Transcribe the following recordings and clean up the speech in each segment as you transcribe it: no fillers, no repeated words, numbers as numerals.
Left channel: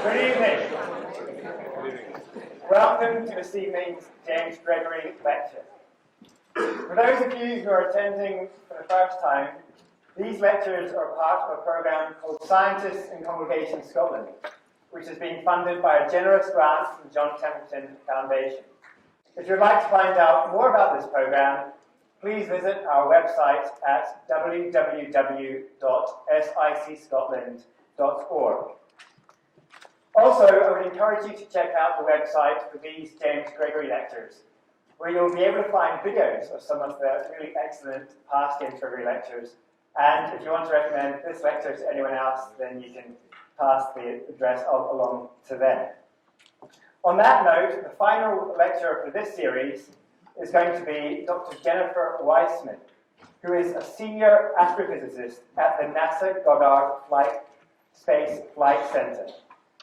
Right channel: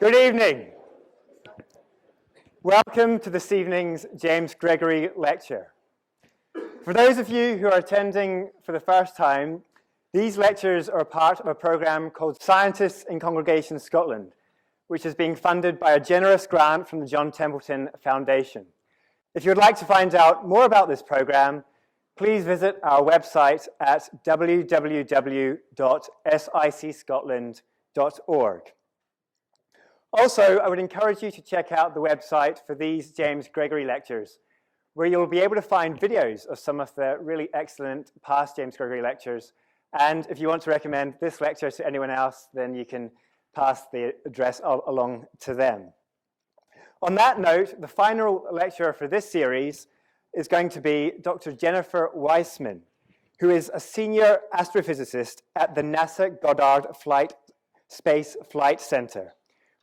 Good evening. Welcome to this evening's James Gregory lecture. For those of you who are attending for the first time, these lectures are part of a programme called Scientists in Congregation Scotland, which is being funded by a generous grant from the John Templeton Foundation. If you would like to find out more about this programme, please visit our website at www.sicscotland.org. Also, I would encourage you to check out the website for these James Gregory lectures, where you'll be able to find videos of some of the really excellent past James Gregory lectures. And if you want to recommend this lecture to anyone else, then you can pass the address along to them. On that note, the final lecturer for this series is going to be Dr. Jennifer Weissman, who is a senior astrophysicist at the NASA Goddard Space Flight Center,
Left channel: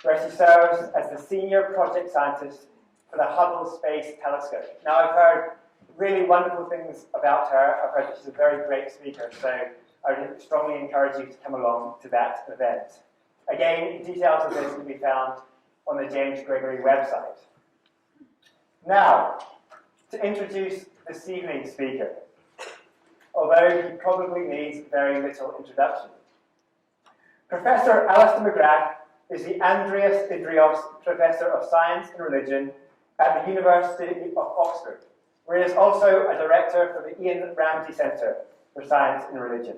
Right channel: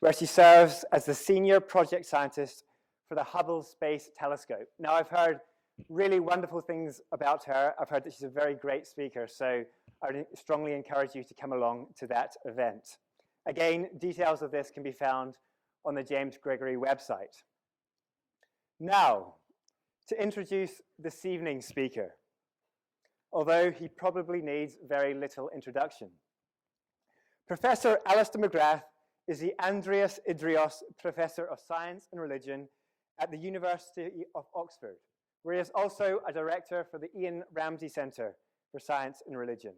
where she serves as the senior project scientist for the Hubble Space Telescope. Now, I've heard really wonderful things about her. I've heard that she's a very great speaker, so I would strongly encourage you to come along to that event. Again, details of this can be found on the James Gregory website. Now, to introduce this evening's speaker, although he probably needs very little introduction. Professor Alister McGrath is the Andreas Idreos Professor of Science and Religion at the University of Oxford, where he is also a director for the Ian Ramsay Centre for Science and Religion.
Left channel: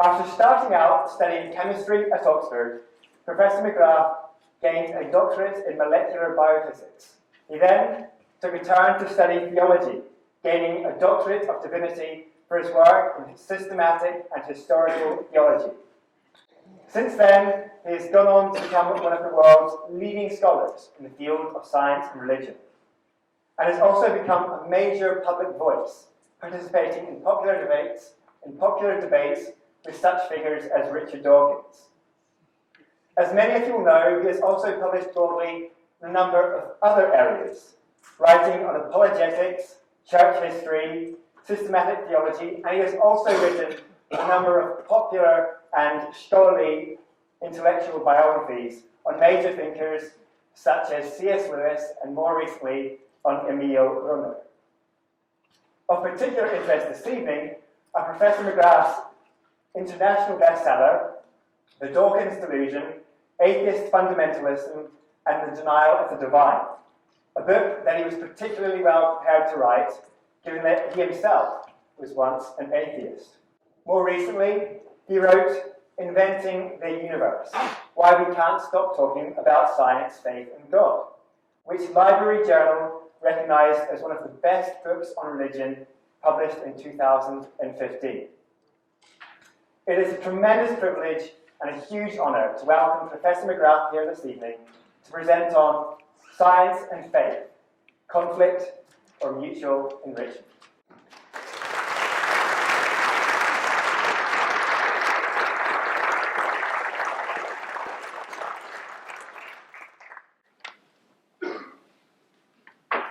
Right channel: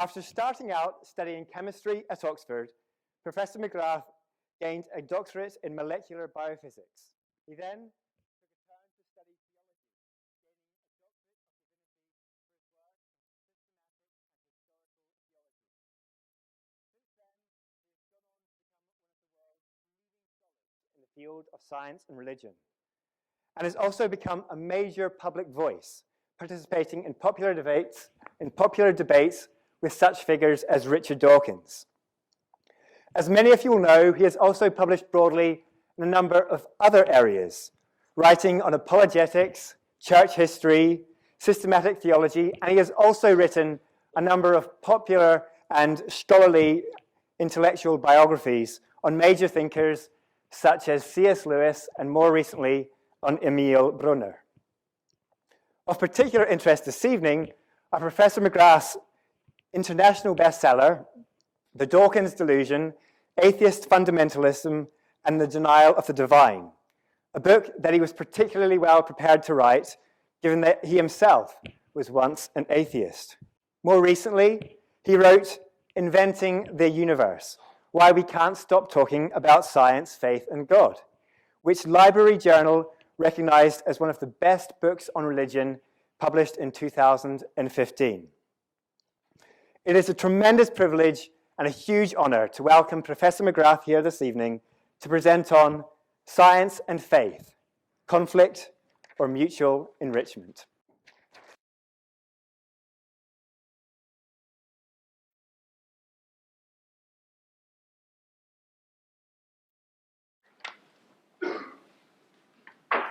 After starting out studying chemistry at Oxford, Professor McGrath gained a doctorate in molecular biophysics. He then took a turn to study theology, gaining a doctorate of divinity for his work in systematic and historical theology. Since then, he has gone on to become one of the world's leading scholars in the field of science and religion, and has also become a major public voice, participating in popular debates with such figures as Richard Dawkins. As many of you will know, he has also published broadly in a number of other areas, writing on apologetics, church history, systematic theology, and he has also written a number of popular and scholarly intellectual biographies on major thinkers such as C.S. Lewis and more recently on Emil Brunner. Of particular interest this evening are Professor McGrath's international bestseller, The Dawkins Delusion, Atheist Fundamentalism and the Denial of the Divine, a book that he was particularly well prepared to write, given that he himself was once an atheist. More recently, he wrote Inventing the Universe, Why We Can't Stop Talking About Science, Faith and God, which Library Journal recognized as one of the best books on religion published in 2015. It is a tremendous privilege and a huge honor to welcome Professor McGrath here this evening to present on Science and Faith, Conflict or Mutual Enrichment.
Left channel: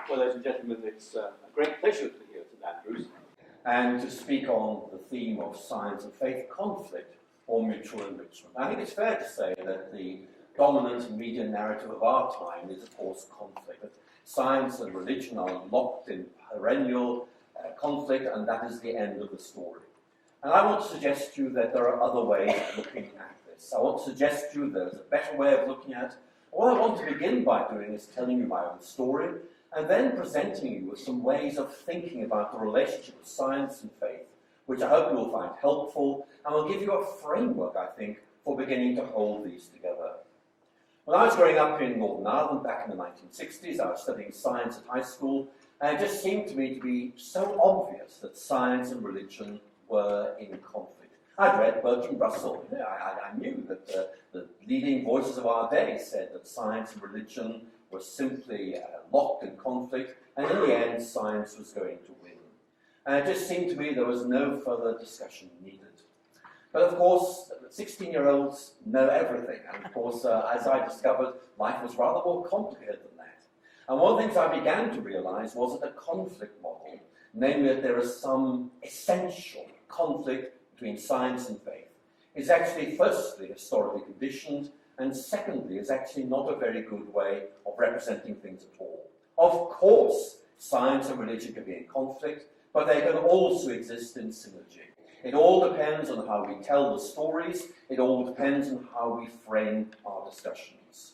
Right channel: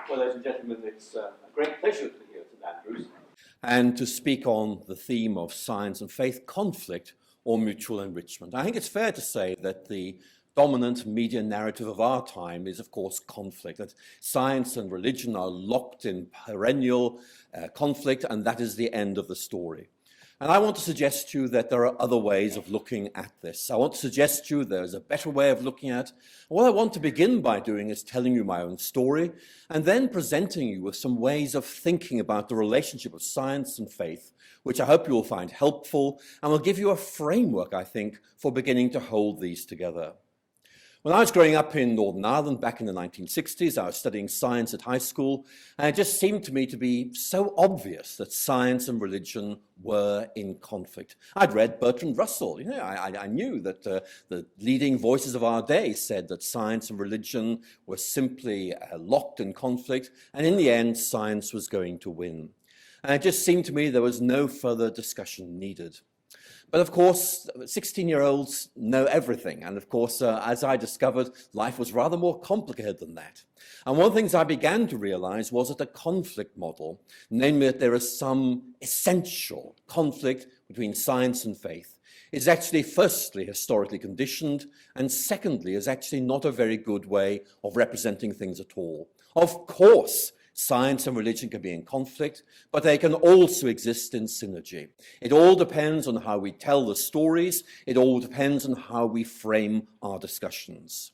Well, ladies and gentlemen, it's a great pleasure to be here at Andrews and to speak on the theme of science and faith, conflict or mutual enrichment. I think it's fair to say that the dominant media narrative of our time is, of course, conflict, that science and religion are locked in perennial conflict, and that is the end of the story. And I want to suggest to you that there are other ways of looking at this. I want to suggest to you there's a better way of looking at it. What I want to begin by doing is telling you my own story, and then presenting you with some ways of thinking about the relationship of science and faith, which I hope you will find helpful, and will give you a framework, I think, for beginning to hold these together. When I was growing up in Northern Ireland back in the 1960s, I was studying science at high school, and it just seemed to me to be so obvious that science and religion were in conflict. I'd read Bertrand Russell. I knew that the leading voices of our day said that science and religion were simply locked in conflict, and in the end, science was going to win. And it just seemed to me there was no further discussion needed. But of course, 16-year-olds know everything. And of course, as I discovered, life was rather more complicated than that. And one of the things I began to realize was that the conflict model, namely that there is some essential conflict between science and faith, is actually, firstly, historically conditioned, and secondly, is actually not a very good way of representing things at all. Of course, science and religion can be in conflict, but they can also exist in synergy. It all depends on how we tell the stories. It all depends on how we frame our discussions.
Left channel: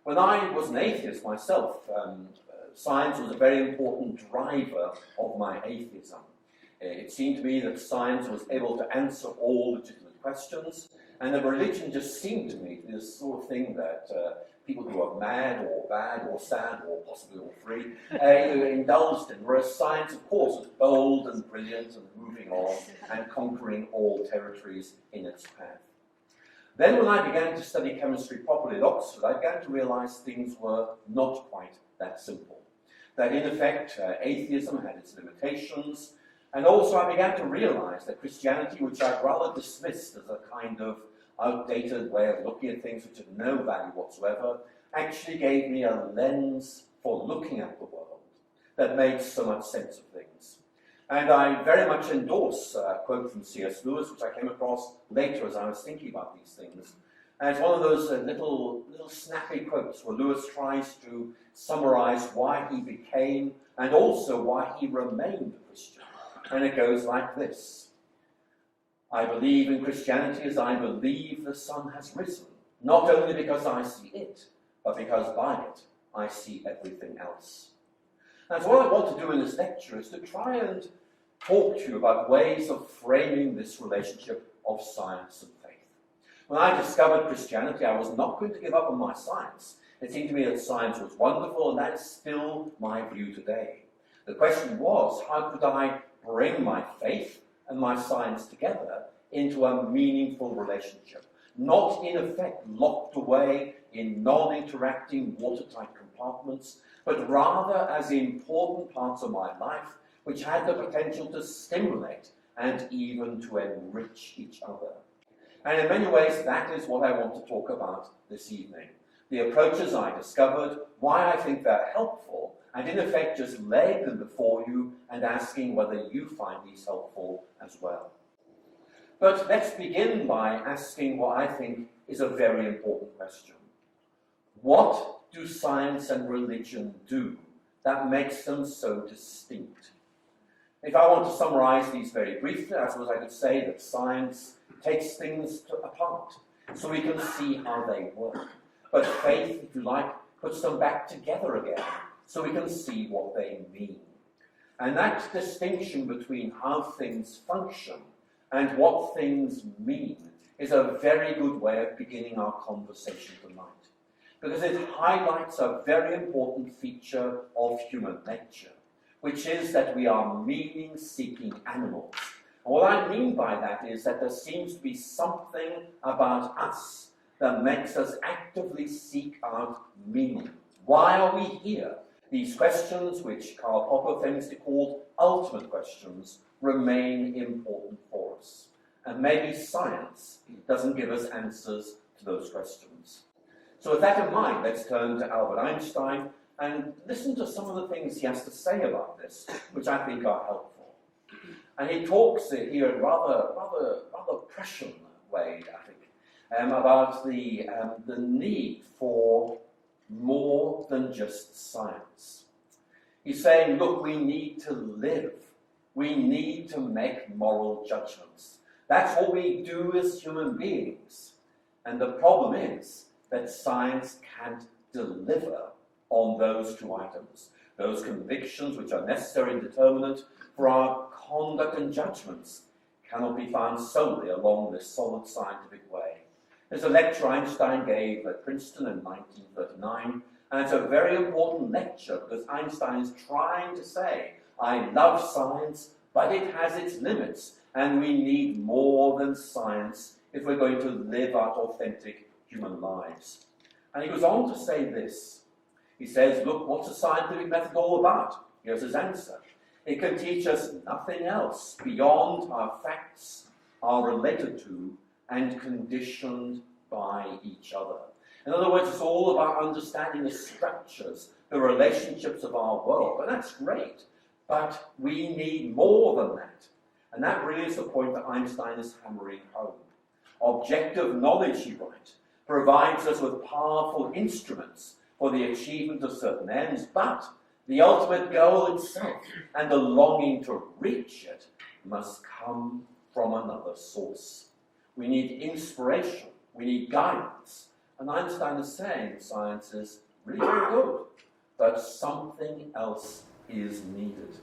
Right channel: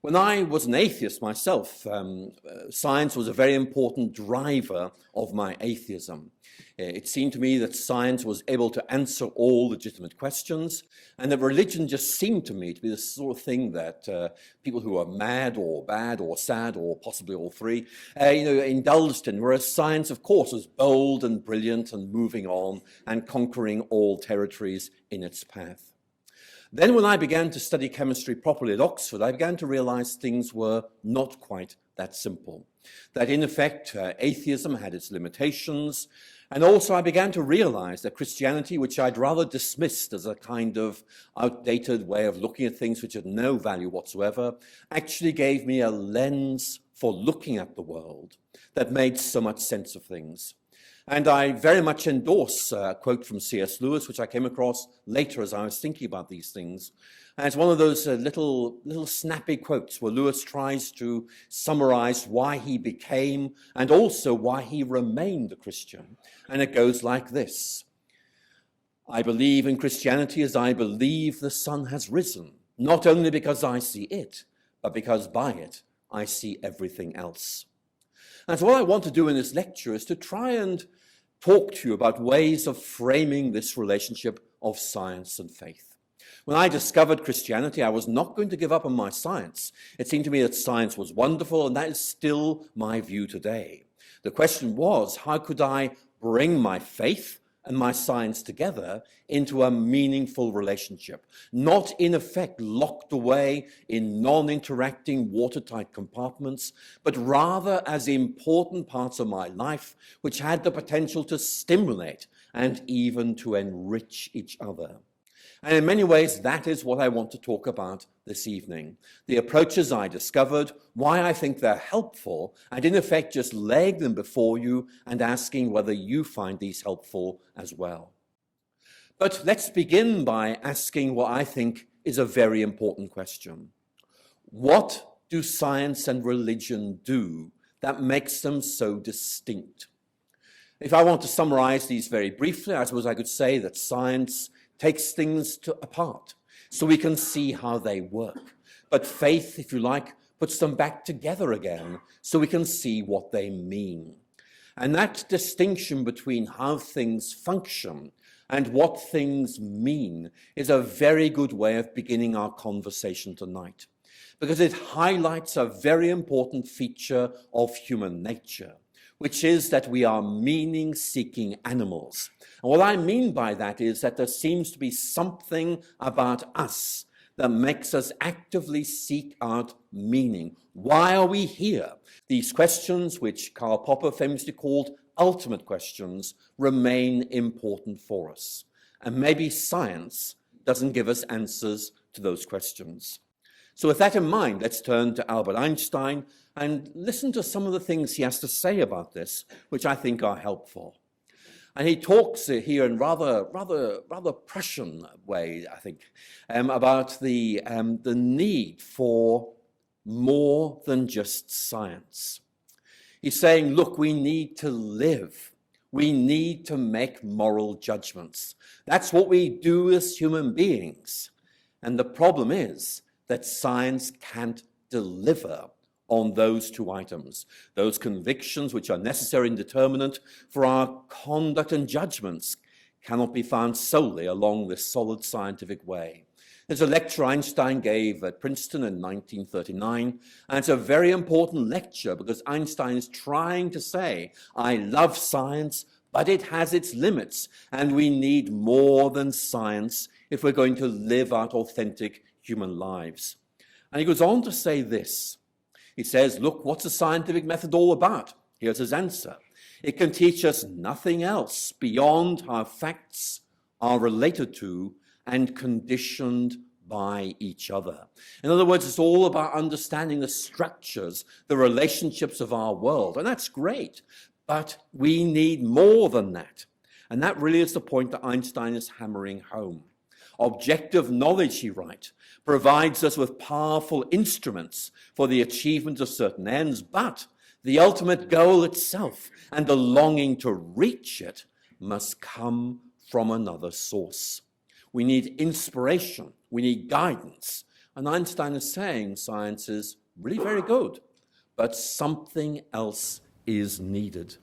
When I was an atheist myself, science was a very important driver of my atheism. It seemed to me that science was able to answer all legitimate questions, and that religion just seemed to me to be the sort of thing that people who are mad or bad or sad or possibly all three indulged in, whereas science, of course, was bold and brilliant and moving on and conquering all territories in its path. Then when I began to study chemistry properly at Oxford, I began to realize things were not quite that simple. That in effect, atheism had its limitations, and also I began to realize that Christianity, which I'd rather dismissed as a kind of outdated way of looking at things which had no value whatsoever, actually gave me a lens for looking at the world that made so much sense of things. And I very much endorse a quote from C.S. Lewis, which I came across later as I was thinking about these things. And it's one of those little snappy quotes where Lewis tries to summarize why he became and also why he remained a Christian. And it goes like this: I believe in Christianity as I believe the sun has risen, not only because I see it, but because by it I see everything else. And so what I want to do in this lecture is to try and talk to you about ways of framing this relationship of science and faith. When I discovered Christianity, I was not going to give up on my science. It seemed to me that science was wonderful, and that is still my view today. The question was, how could I bring my faith and my science together into a meaningful relationship, not in effect locked away in non-interacting watertight compartments, but rather as important parts of my life which had the potential to stimulate and even to enrich each other. And in many ways, that is what I want to talk about this evening. The approaches I discovered, why I think they're helpful, and in effect just laying them before you and asking whether you find these helpful as well. But let's begin by asking what I think is a very important question. What do science and religion do that makes them so distinct? If I want to summarize these very briefly, I suppose I could say that science takes things apart so we can see how they work. But faith, if you like, puts them back together again so we can see what they mean. And that distinction between how things function and what things mean is a very good way of beginning our conversation tonight, because it highlights a very important feature of human nature, which is that we are meaning-seeking animals. And what I mean by that is that there seems to be something about us that makes us actively seek out meaning. Why are we here? These questions, which Karl Popper famously called ultimate questions, remain important for us. And maybe science doesn't give us answers to those questions. So with that in mind, let's turn to Albert Einstein and listen to some of the things he has to say about this, which I think are helpful. And he talks here in rather Prussian way, I think, about the need for more than just science. He's saying, look, we need to live. We need to make moral judgments. That's what we do as human beings. And the problem is that science can't deliver on those two items, those convictions which are necessary and determinant for our conduct and judgments cannot be found solely along this solid scientific way. There's a lecture Einstein gave at Princeton in 1939, and it's a very important lecture because Einstein is trying to say, I love science, but it has its limits, and we need more than science if we're going to live out authentic human lives. And he goes on to say this. He says, look, what's the scientific method all about? Here's his answer. It can teach us nothing else beyond how facts are related to and conditioned by each other. In other words, it's all about understanding the structures, the relationships of our world, and that's great, but we need more than that. And that really is the point that Einstein is hammering home. Objective knowledge, he writes, provides us with powerful instruments for the achievement of certain ends, but the ultimate goal itself and the longing to reach it must come from another source. We need inspiration, we need guidance. And Einstein is saying science is really very good, but something else is needed.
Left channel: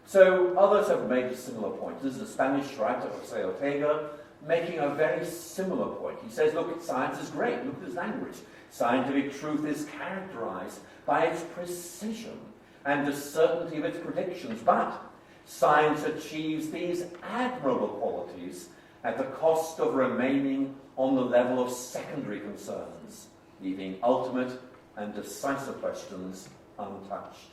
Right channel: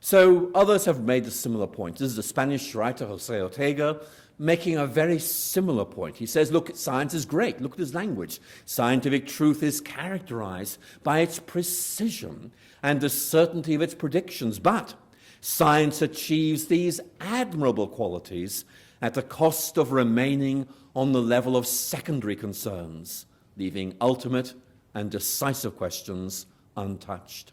So others have made a similar point. This is the Spanish writer José Ortega making a very similar point. He says, look, science is great. Look at his language. Scientific truth is characterized by its precision and the certainty of its predictions. But science achieves these admirable qualities at the cost of remaining on the level of secondary concerns, leaving ultimate and decisive questions untouched.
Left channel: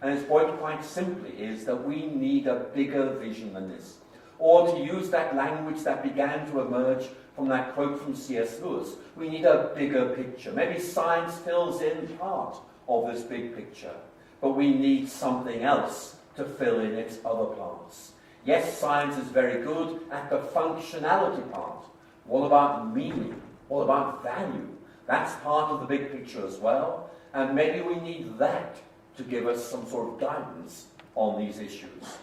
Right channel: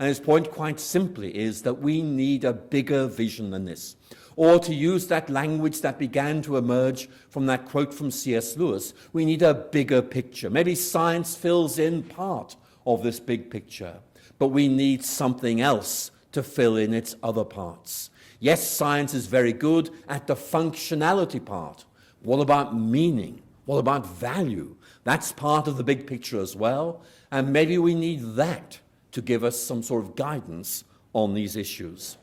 And his point quite simply is that we need a bigger vision than this. Or to use that language that began to emerge from that quote from C.S. Lewis, we need a bigger picture. Maybe science fills in part of this big picture, but we need something else to fill in its other parts. Yes, science is very good at the functionality part. What about meaning? What about value? That's part of the big picture as well, and maybe we need that to give us some sort of guidance on these issues.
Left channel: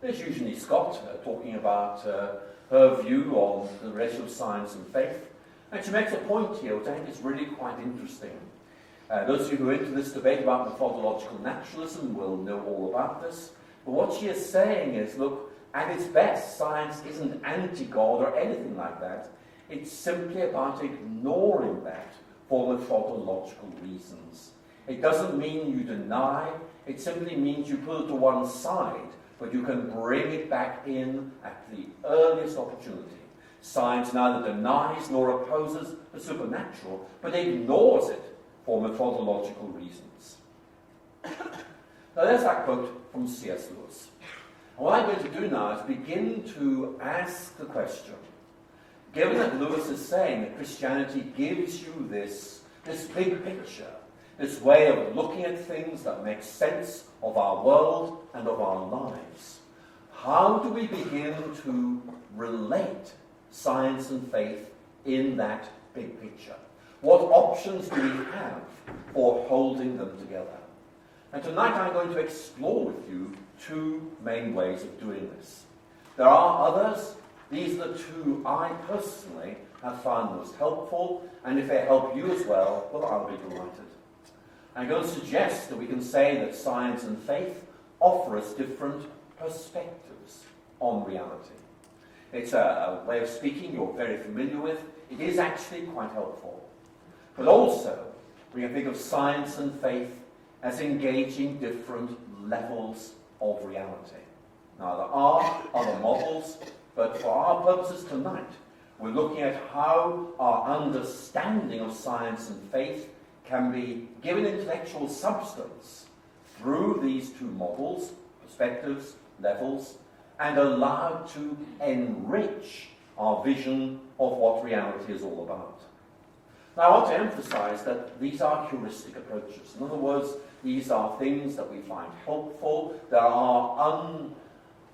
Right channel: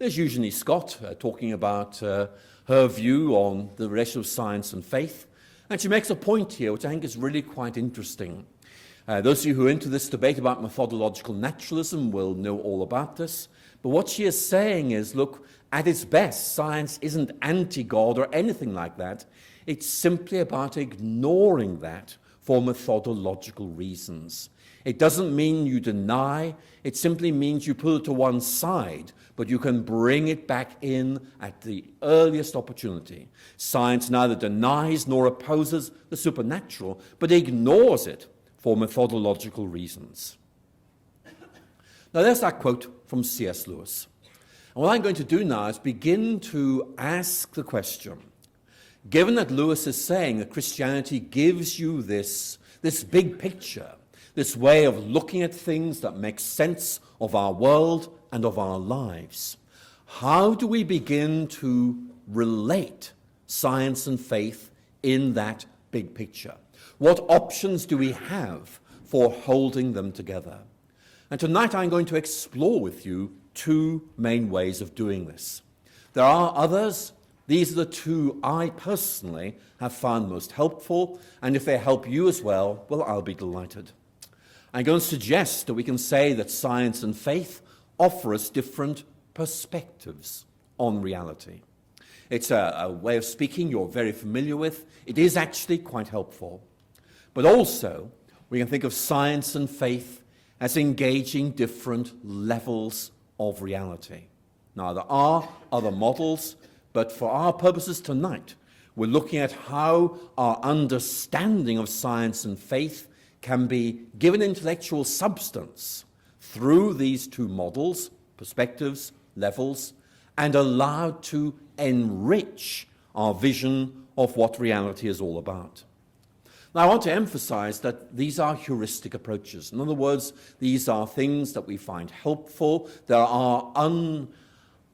There's Eugenie Scott talking about her view on the relationship of science and faith, and she makes a point here which I think is really quite interesting. Those of you who are into this debate about methodological naturalism will know all about this, but what she is saying is, look, at its best, science isn't anti-God or anything like that. It's simply about ignoring that for methodological reasons. It doesn't mean you deny, it simply means you put it to one side, but you can bring it back in at the earliest opportunity. Science neither denies nor opposes the supernatural, but ignores it for methodological reasons. Now there's that quote from C.S. Lewis. And what I'm going to do now is begin to ask the question, given that Lewis is saying that Christianity gives you this big picture, this way of looking at things that makes sense of our world and of our lives, how do we begin to relate science and faith in that big picture? What options do we have for holding them together? And tonight I'm going to explore with you two main ways of doing this. There are others. These are the two I personally have found most helpful, and if they help you as well, well, I'll be delighted. I'm going to suggest that we can say that science and faith offer us different perspectives on reality. It's a way of speaking you're very familiar with. It is actually quite helpful. But also, we can think of science and faith as engaging different levels of reality. Now, there are other models, but for our purposes tonight, we're looking at how our understanding of science and faith can be given intellectual substance through these two models, perspectives, levels, and allowed to enrich our vision of what reality is all about. Now, I want to emphasize that these are heuristic approaches. In other words, these are things that we find helpful. There are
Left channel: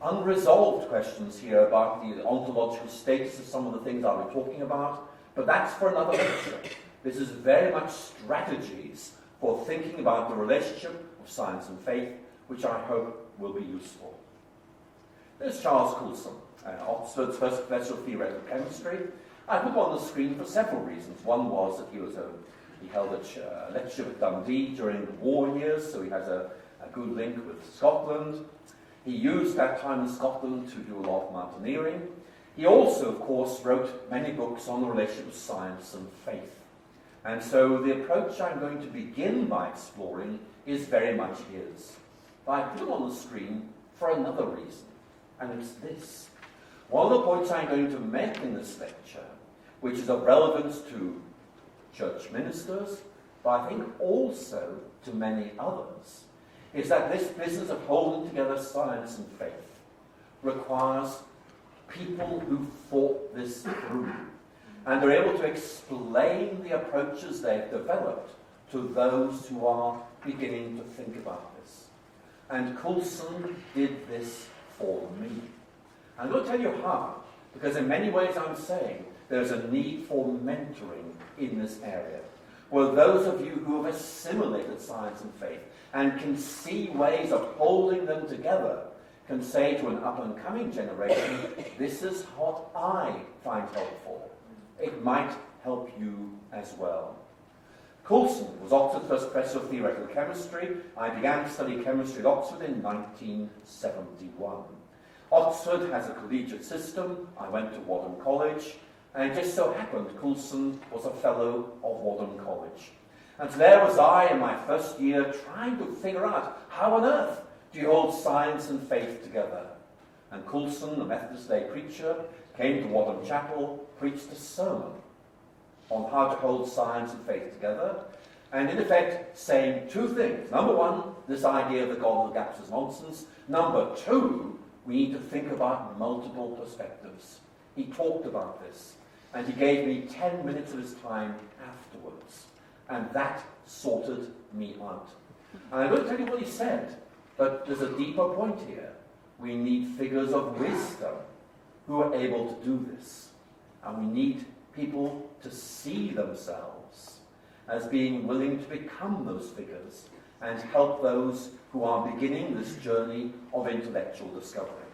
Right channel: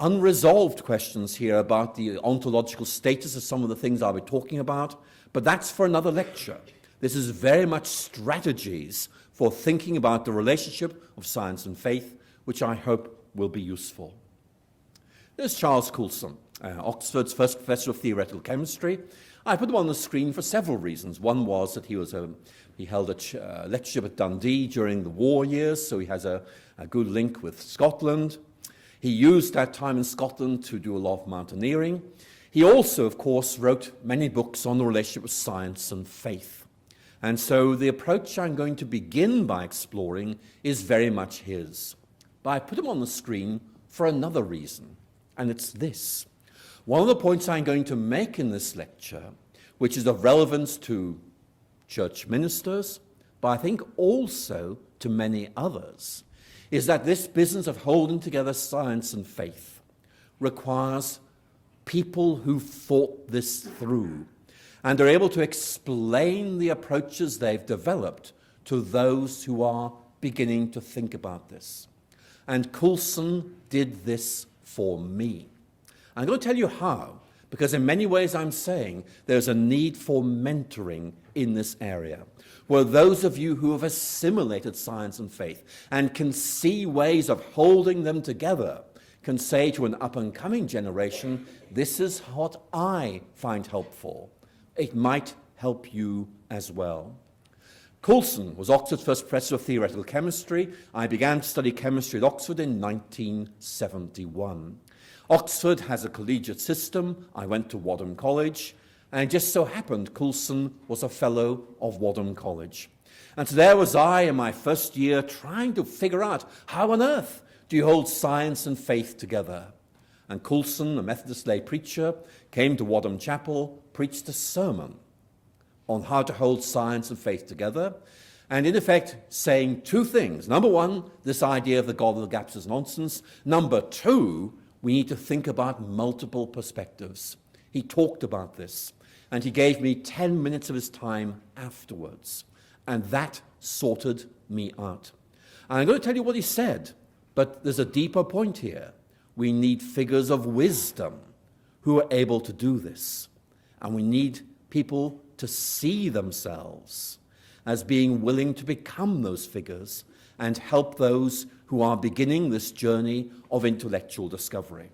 unresolved questions here about the ontological status of some of the things I'll be talking about, but that's for another lecture. This is very much strategies for thinking about the relationship of science and faith, which I hope will be useful. There's Charles Coulson, Oxford's first professor of theoretical chemistry. I put him on the screen for several reasons. One was that he held a lectureship at Dundee during the war years, so he has a good link with Scotland. He used that time in Scotland to do a lot of mountaineering. He also, of course, wrote many books on the relationship of science and faith. And so the approach I'm going to begin by exploring is very much his. But I put him on the screen for another reason, and it's this. One of the points I'm going to make in this lecture, which is of relevance to church ministers, but I think also to many others, is that this business of holding together science and faith requires people who've thought this through, and are able to explain the approaches they've developed to those who are beginning to think about this. And Coulson did this for me. I'm going to tell you how, because in many ways I'm saying there's a need for mentoring in this area. Well, those of you who have assimilated science and faith and can see ways of holding them together can say to an up-and-coming generation, this is what I find helpful. It might help you as well. Coulson was Oxford's first professor of theoretical chemistry. I began to study chemistry at Oxford in 1971. Oxford has a collegiate system. I went to Wadham College. And it just so happened Coulson was a fellow of Wadham College. And so there was I in my first year trying to figure out how on earth do you hold science and faith together? And Coulson, a Methodist lay preacher, came to Wadham Chapel, preached a sermon on how to hold science and faith together, and in effect saying two things. Number one, this idea of the God of the gaps is nonsense. Number two, we need to think about multiple perspectives. He talked about this. And he gave me 10 minutes of his time afterwards. And that sorted me out. And I'm going to tell you what he said, but there's a deeper point here. We need figures of wisdom who are able to do this. And we need people to see themselves as being willing to become those figures and help those who are beginning this journey of intellectual discovery.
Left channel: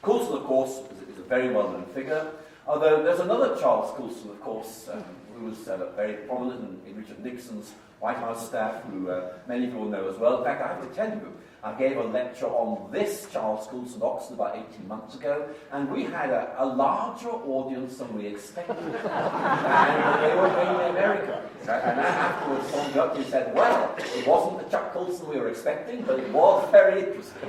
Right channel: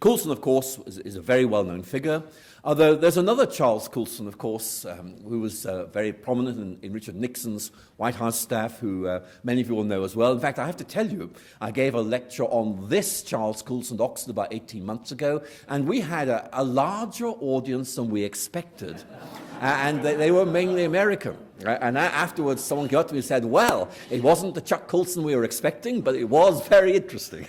Coulson, of course, is a very well-known figure. Although there's another Charles Coulson, of course, who was very prominent in Richard Nixon's White House staff, who many of you will know as well. In fact, I have to tell you, I gave a lecture on this Charles Coulson at Oxford about 18 months ago, and we had a larger audience than we expected. And they were mainly American. Right? And afterwards, someone got to me and said, well, it wasn't the Chuck Coulson we were expecting, but it was very interesting.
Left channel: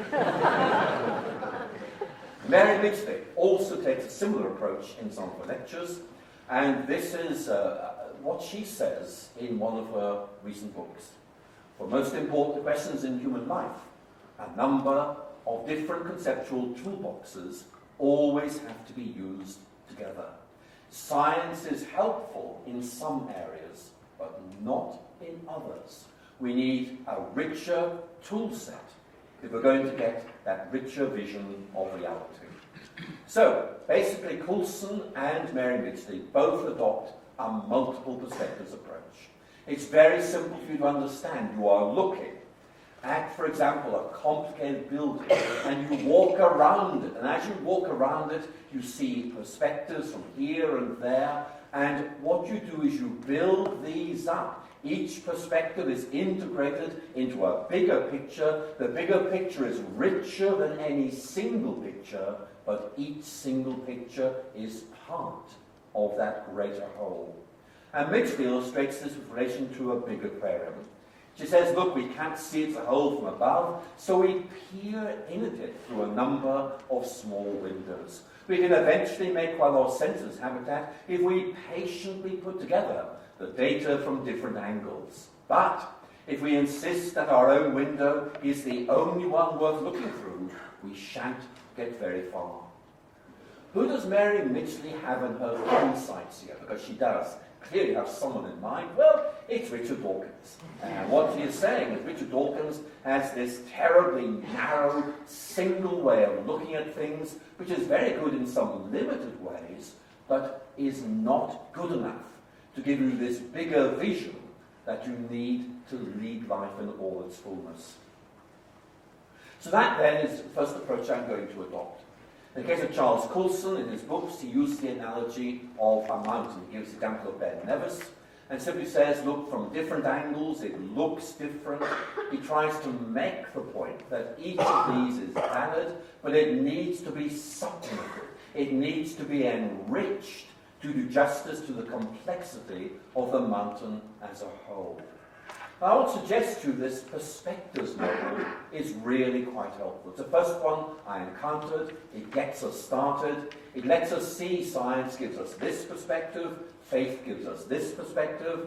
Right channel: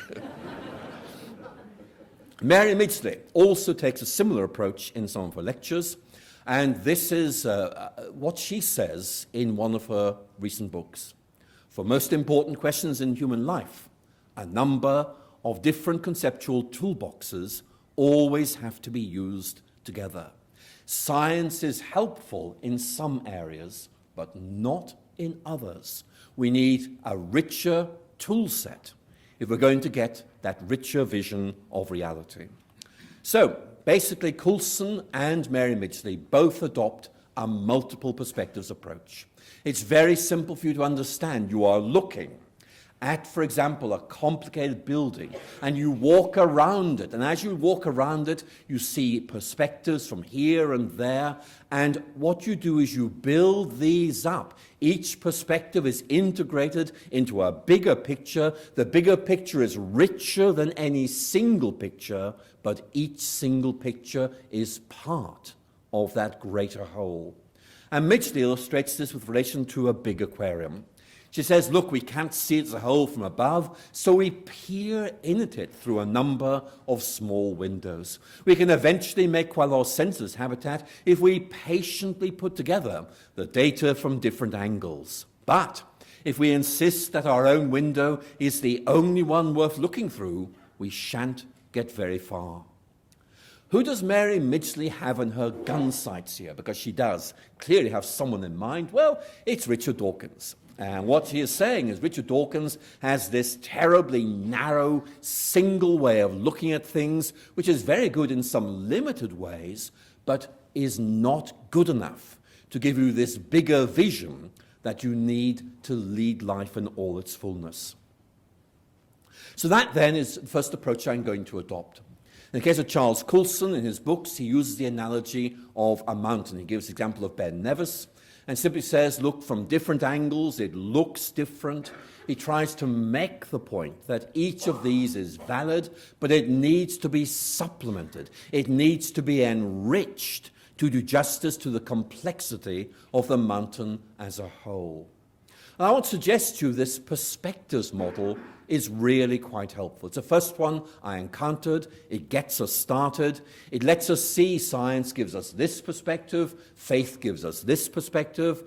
Mary Midgley also takes a similar approach in some of her lectures, and this is what she says in one of her recent books. For most important questions in human life, a number of different conceptual toolboxes always have to be used together. Science is helpful in some areas, but not in others. We need a richer tool set if we're going to get that richer vision of reality. So, basically, Coulson and Mary Midgley both adopt a multiple perspectives approach. It's very simple for you to understand. You are looking at, for example, a complicated building, and you walk around it, and as you walk around it, you see perspectives from here and there, and what you do is you build these up. Each perspective is integrated into a bigger picture. The bigger picture is richer than any single picture, but each single picture is part of that greater whole. And Midgley illustrates this with relation to a big aquarium. She says, look, we can't see it as a whole from above, so we peer in at it through a number of small windows. We can eventually make quite a lot of sense of this habitat if we patiently put together the data from different angles. But if we insist that our own window is the only one worth looking through, we shan't get very far. Who does Mary Midgley have in her gun sights here? Because she does clearly have someone in mind. Well, it's Richard Dawkins. And what she is saying is Richard Dawkins has this terribly narrow, single way of looking at things, which is very good in some limited ways, but is not good enough to give you this bigger vision that you need to lead life in all its fullness. So that then is the first approach I'm going to adopt. In the case of Charles Coulson, in his books, he uses the analogy of a mountain. He gives the example of Ben Nevis and simply says, look, from different angles, it looks different. He tries to make the point that each of these is valid, but it needs to be supplemented. It needs to be enriched to do justice to the complexity of the mountain as a whole. I would suggest to you this perspectives model is really quite helpful. It's the first one I encountered. It gets us started. It lets us see science gives us this perspective, faith gives us this perspective,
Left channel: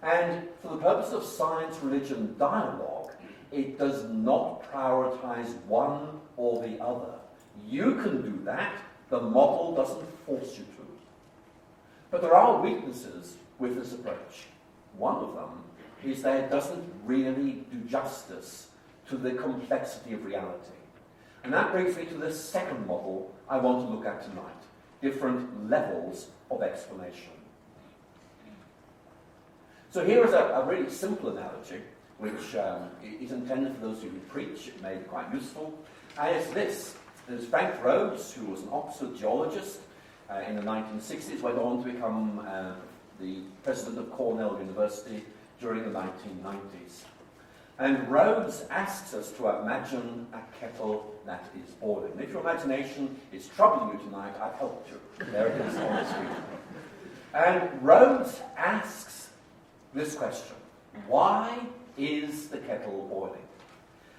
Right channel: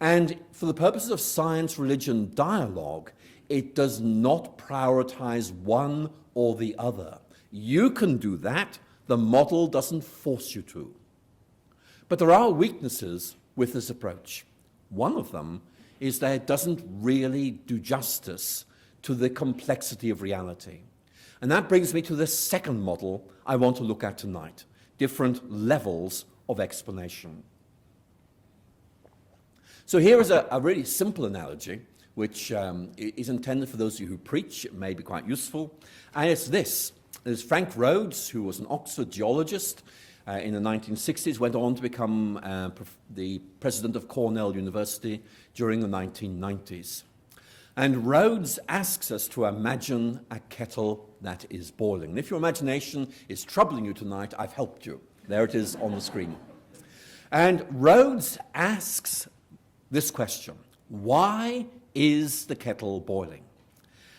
and for the purposes of science-religion dialogue, it does not prioritize one or the other. You can do that. The model doesn't force you to. But there are weaknesses with this approach. One of them is that it doesn't really do justice to the complexity of reality. And that brings me to the second model I want to look at tonight, different levels of explanation. So here is a really simple analogy, which is intended for those of you who preach. It may be quite useful. And it's this. There's Frank Rhodes, who was an Oxford geologist in the 1960s, went on to become the president of Cornell University during the 1990s. And Rhodes asks us to imagine a kettle that is boiling. And if your imagination is troubling you tonight, I've helped you. There it is on the screen. And Rhodes asks this question: why is the kettle boiling?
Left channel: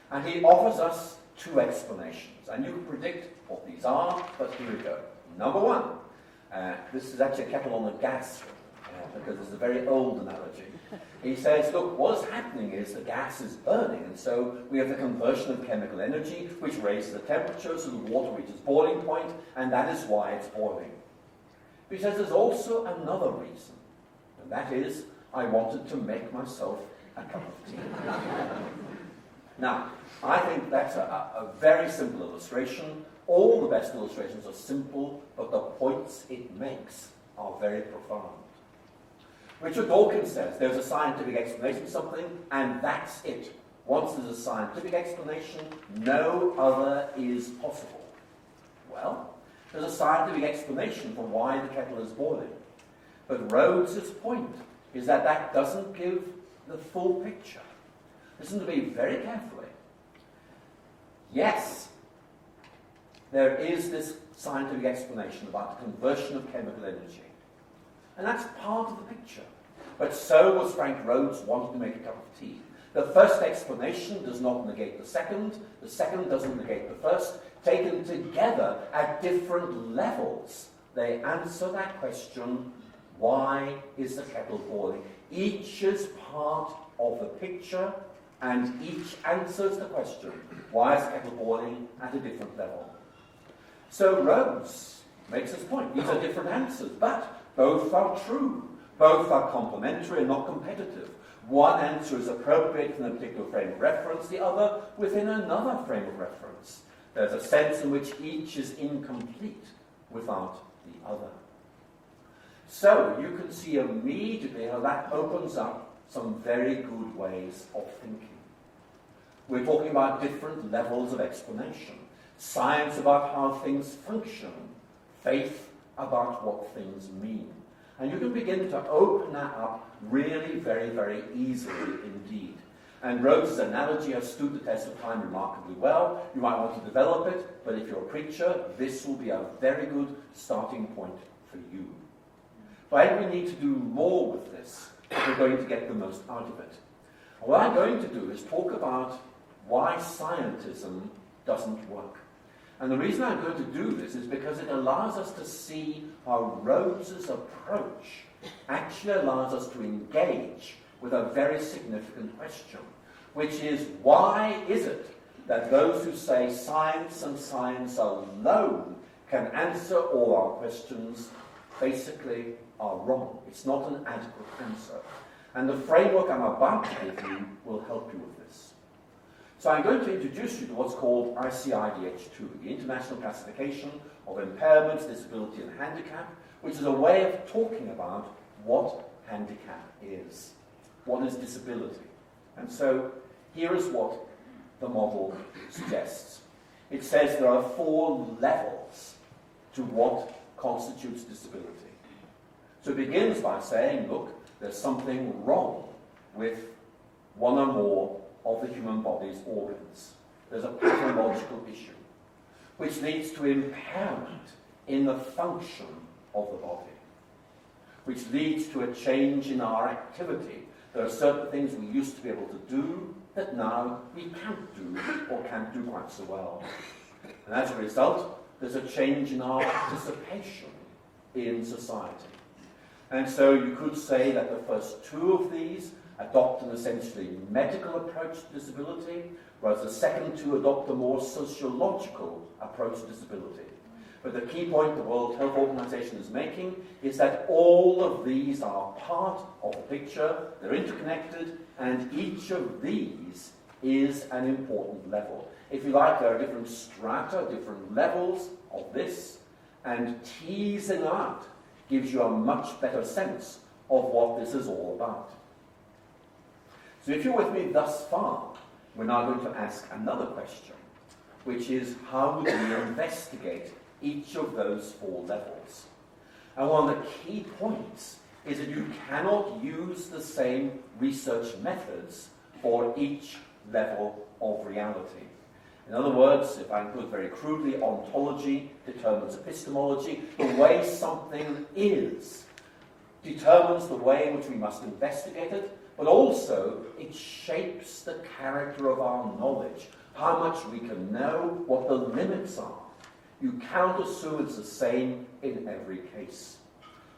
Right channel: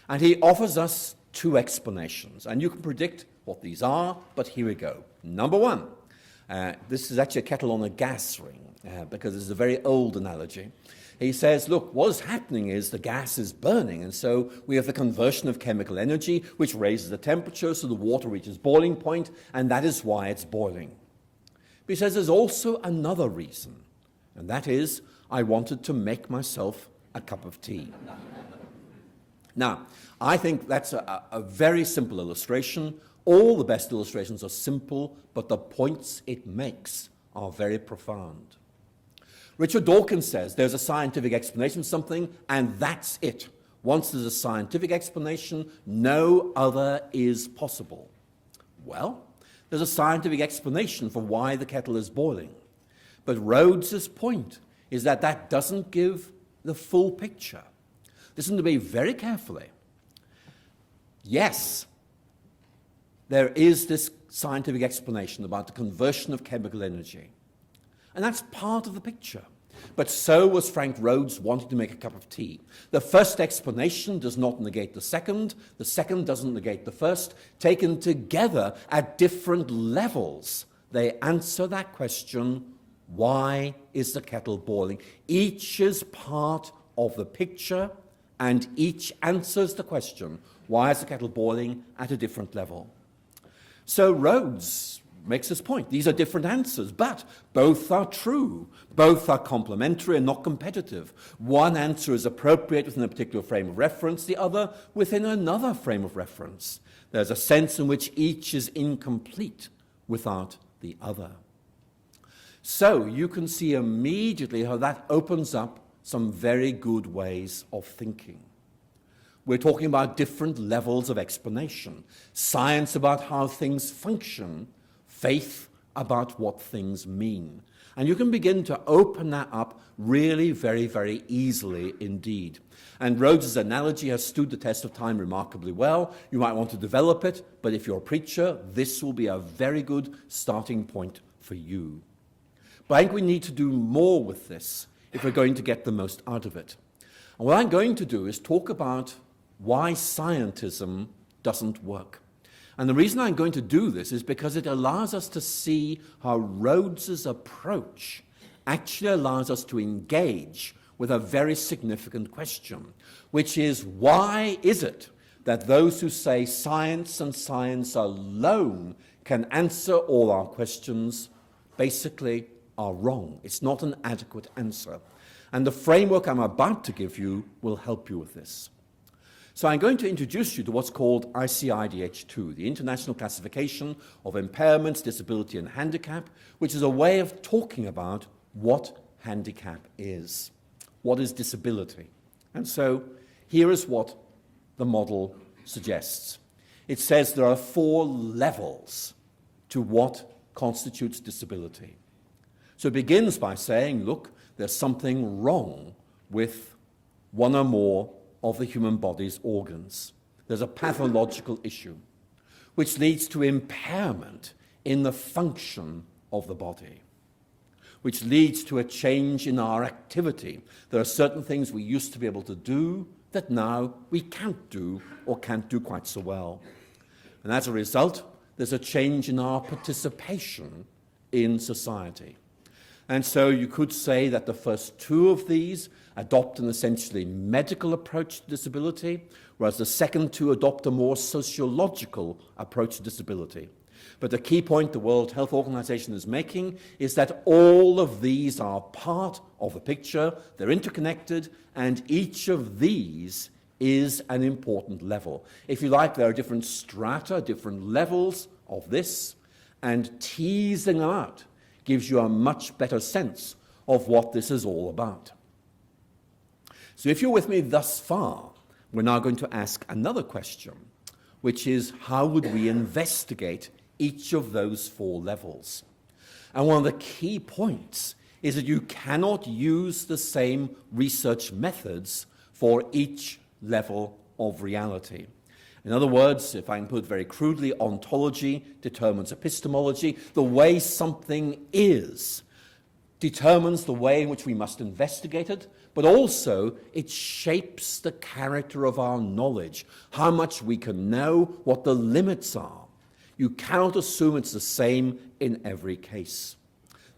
And he offers us two explanations. And you can predict what these are, but here we go. Number one, this is actually a kettle on a gas ring, because it's a very old analogy. He says, look, what's happening is the gas is burning, and so we have the conversion of chemical energy, which raises the temperature, so the water reaches boiling point, and that is why it's boiling. But he says there's also another reason, and that is, I wanted to make myself a cup of tea. Now, I think that's a very simple illustration. All the best illustrations are simple, but the points it makes are very profound. Richard Dawkins says there's a scientific explanation of something, and that's it. Once there's a scientific explanation, no other is possible. Well, there's a scientific explanation for why the kettle is boiling. But Rhodes's point is that that doesn't give the full picture. Listen to me very carefully. Yes, there is this scientific explanation about the conversion of chemical energy. And that's part of the picture. But so was Frank Rhodes wanting to make a cup of tea. The first explanation does not negate the second doesn't negate the first. Taken together at different levels, they answer that question, why is the kettle boiling? Each is part of the picture, and each answers the question, why is the kettle boiling, at a different level. So Rhodes makes his point. These are different answers, but both are true. Both are complementary and not competitive. One answer is appropriate within a particular frame of reference, the other within another frame of reference. There's a sense in which each is incomplete without the other. So you can see immediately how that opens up some very good ways of thinking. We're talking about different levels of explanation. Science about how things function, faith about what things mean. And you can begin to open that up really very, very easily indeed. And Rhodes's analogy has stood the test of time remarkably well. You might want to develop it, but if you're a preacher, this will be a very good starting point for you. But I think we need to do more with this if we're going to get the most out of it. And what I'm going to do is talk about why scientism doesn't work. And the reason I'm going to do this is because it allows us to see how Rhodes's approach actually allows us to engage with a very significant question, which is, why is it that those who say science and science alone can answer all our questions basically are wrong? It's not an adequate answer. And the framework I'm about to give you will help you with this. So I'm going to introduce you to what's called ICIDH2, the International Classification of Impairments, Disability and Handicap, which is a way of talking about what handicap is. What is disability? And so here is what the model suggests. It says there are 4 levels to what constitutes disability. So it begins by saying, look, there's something wrong with one or more of the human body's organs. There's a pathological issue, which leads to impairment in the function of the body, which leads to a change in our activity. There are certain things we used to be able to do that now we can't do or can't do quite so well. And as a result, there's a change in our participation in society. And so you could say that the first 2 of these adopt an essentially medical approach to disability, whereas the second 2 adopt a more sociological approach to disability. But the key point the World Health Organization is making is that all of these are part of the picture, they're interconnected, and each of these is an important level. If you like, there are different strata, different levels of this, and teasing out gives you a much better sense of what this is all about. So if you're with me thus far, we're now going to ask another question, which is, how would we investigate each of those 4 levels? And one of the key points is that you cannot use the same research methods for each level of reality. In other words, if I can put it very crudely, ontology determines epistemology. The way something is determines the way in which we must investigate it, but also it shapes the character of our knowledge, how much we can know, what the limits are. You cannot assume it's the same in every case.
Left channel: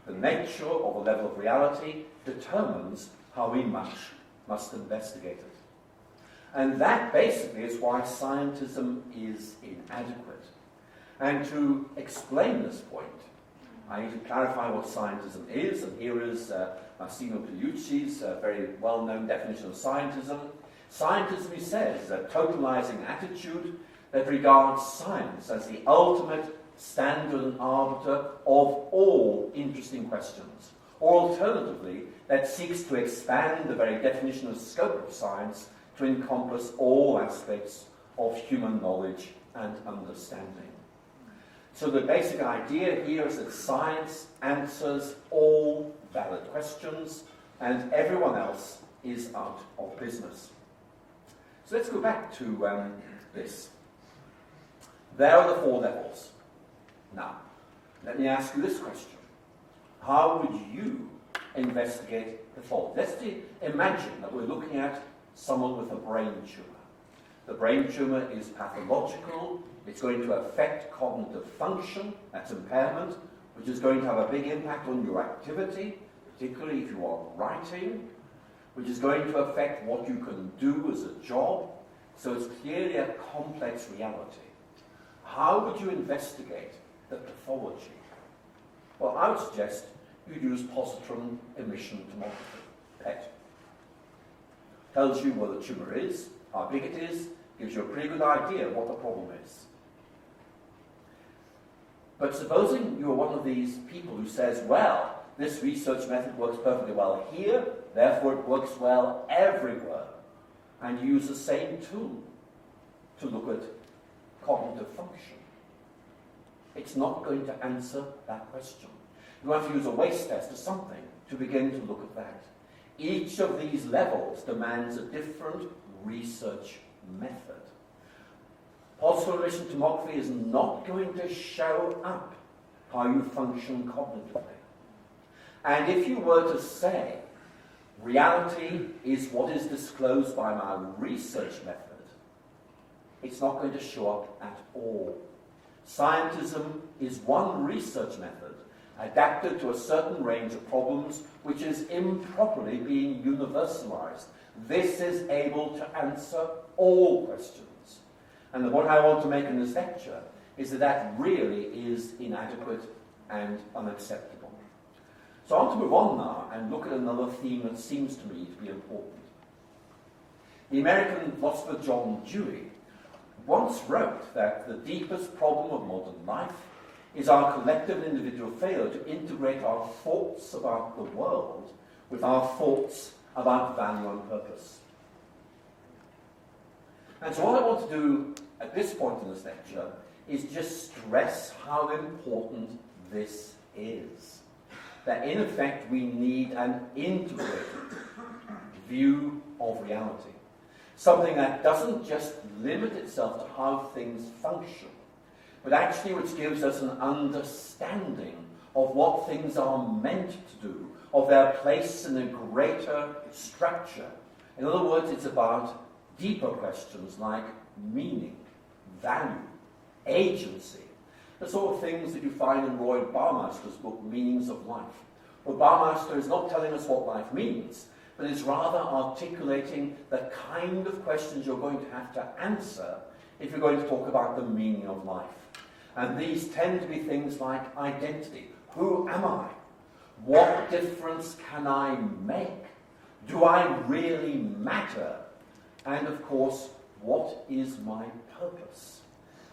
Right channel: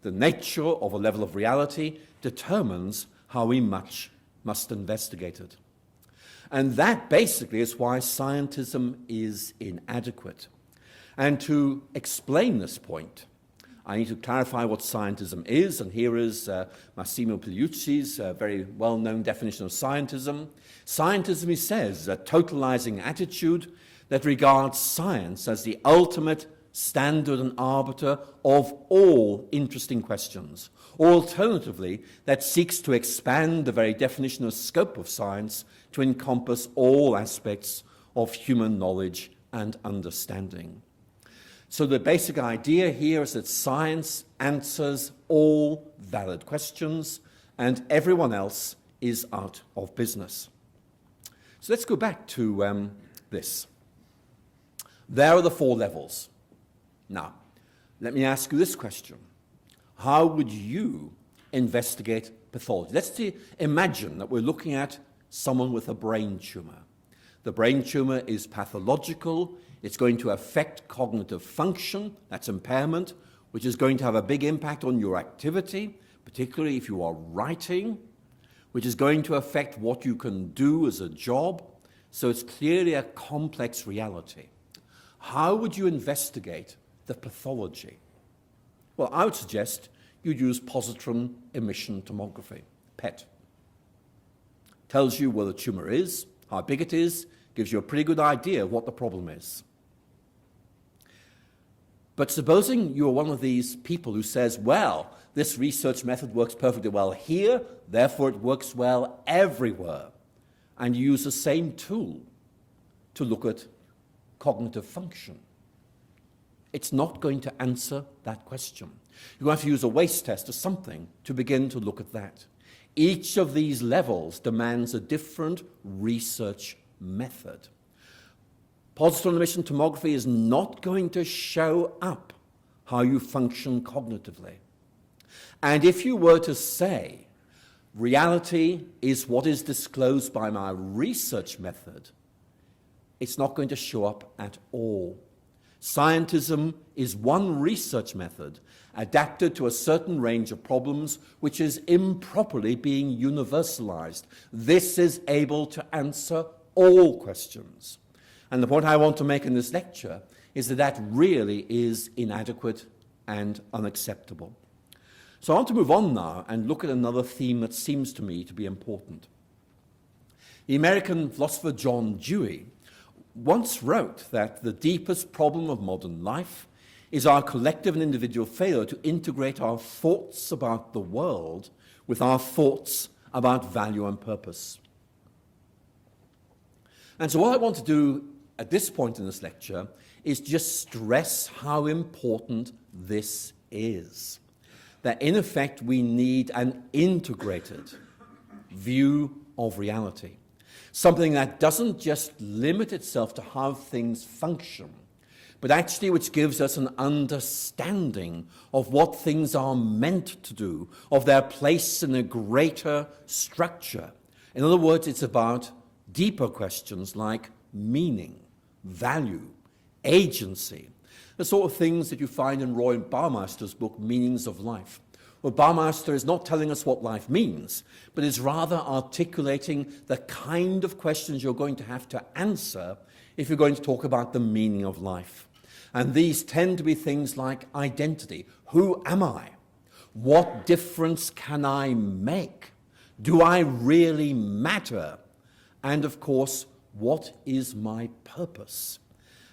The nature of a level of reality determines how we must investigate it. And that basically is why scientism is inadequate. And to explain this point, I need to clarify what scientism is, and here is Massimo Pigliucci's very well-known definition of scientism. Scientism, he says, is a totalizing attitude that regards science as the ultimate standard and arbiter of all interesting questions, or alternatively, that seeks to expand the very definition of scope of science to encompass all aspects of human knowledge and understanding. So the basic idea here is that science answers all valid questions and everyone else is out of business. So let's go back to this. There are the 4 levels. Now, let me ask you this question. How would you investigate pathology? Let's imagine that we're looking at someone with a brain tumour. The brain tumour is pathological. It's going to affect cognitive function, that's impairment, which is going to have a big impact on your activity, particularly if you are writing, which is going to affect what you can do as a job. So it's clearly a complex reality. How would you investigate the pathology? Well, I would suggest you'd use positron emission tomography, PET. Tells you where the tumour is, how big it is, gives you a pretty good idea of what the problem is. But supposing you're one of these people who says, well, this research method works perfectly well here, therefore it works well everywhere, and you use the same tool to look at cognitive function. It's not going to answer that question. You're going to have to use a waste test or something to begin to look at that. Each of these levels demands a different research method. Positron emission tomography is not going to show up how you function cognitively. And if you were to say, reality is what is disclosed by my research method, it's not going to show up at all. Scientism is one research method adapted to a certain range of problems which is improperly being universalized. This is able to answer all questions. And the point I want to make in this lecture is that that really is inadequate and unacceptable. So I want to move on now and look at another theme that seems to me to be important. The American philosopher John Dewey once wrote that the deepest problem of modern life is our collective and individual failure to integrate our thoughts about the world with our thoughts about value and purpose. And so what I want to do at this point in this lecture is just stress how important this is. That in effect we need an integrated view of reality. Something that doesn't just limit itself to how things function, but actually which gives us an understanding of what things are meant to do, of their place in a greater structure. In other words, it's about deeper questions like meaning, value, agency, the sort of things that you find in Roy Baumeister's book, Meanings of Life. Well, Baumeister is not telling us what life means, but is rather articulating the kind of questions you're going to have to answer if you're going to talk about the meaning of life. And these tend to be things like identity. Who am I? What difference can I make? Do I really matter? and of course, what is my purpose?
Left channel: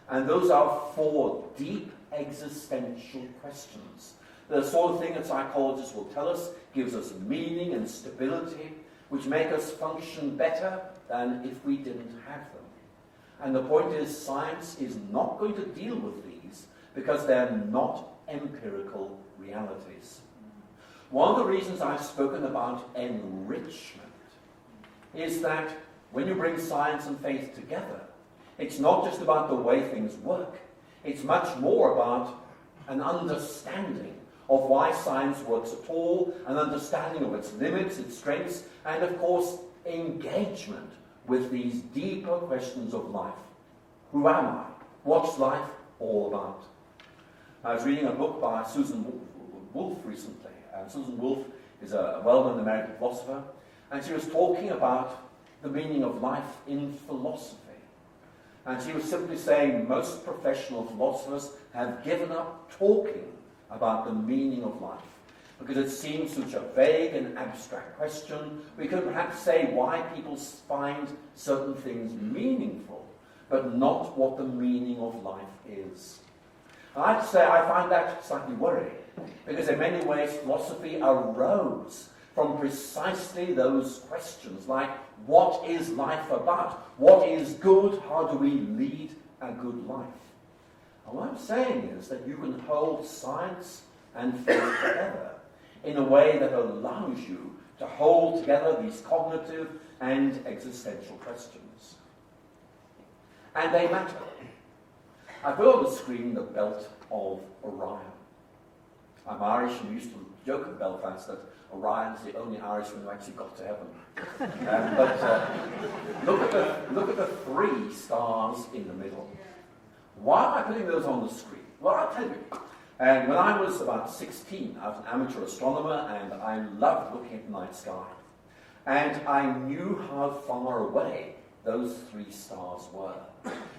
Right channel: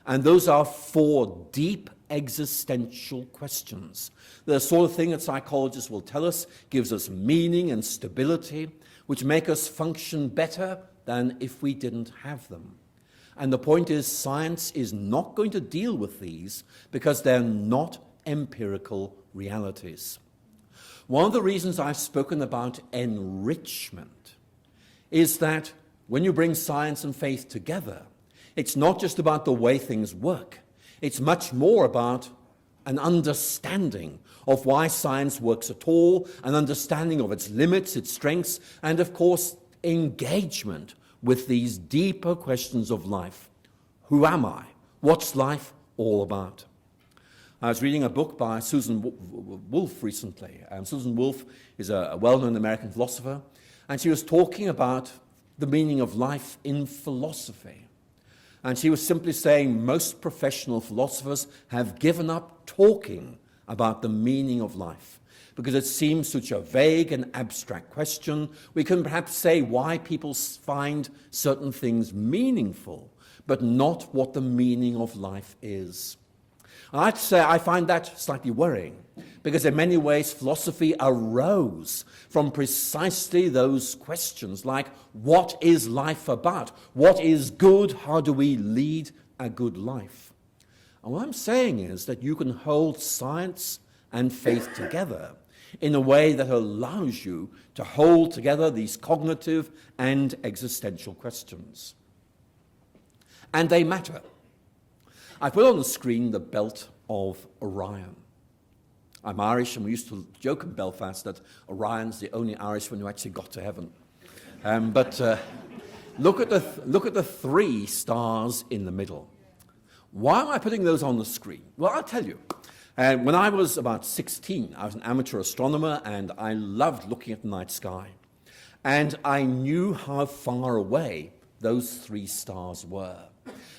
And those are 4 deep existential questions. The sort of thing that psychologists will tell us gives us meaning and stability, which make us function better than if we didn't have them. And the point is, science is not going to deal with these because they're not empirical realities. One of the reasons I've spoken about enrichment is that when you bring science and faith together, it's not just about the way things work. It's much more about an understanding of why science works at all, an understanding of its limits, its strengths, and of course, engagement with these deeper questions of life. Who am I? What's life all about? I was reading a book by Susan Wolf recently, and Susan Wolf is a well-known American philosopher, and she was talking about the meaning of life in philosophy. And she was simply saying most professional philosophers have given up talking about the meaning of life because it seems such a vague and abstract question. We can perhaps say why people find certain things meaningful, but not what the meaning of life is. And I'd say I find that slightly worrying because in many ways philosophy arose from precisely those questions like, what is life about? What is good? How do we lead a good life? And what I'm saying is that you can hold science and faith together in a way that allows you to hold together these cognitive and existential questions. And they matter. I put on the screen the belt of Orion. I'm Irish, and we used to joke in Belfast that Orion's the only Irishman who actually got to heaven. Look at the 3 stars in the middle. Why am I putting those on the screen? Well, I'll tell you. When I was about 16, I was an amateur astronomer, and I loved looking at the night sky. And I knew how far away those 3 stars were.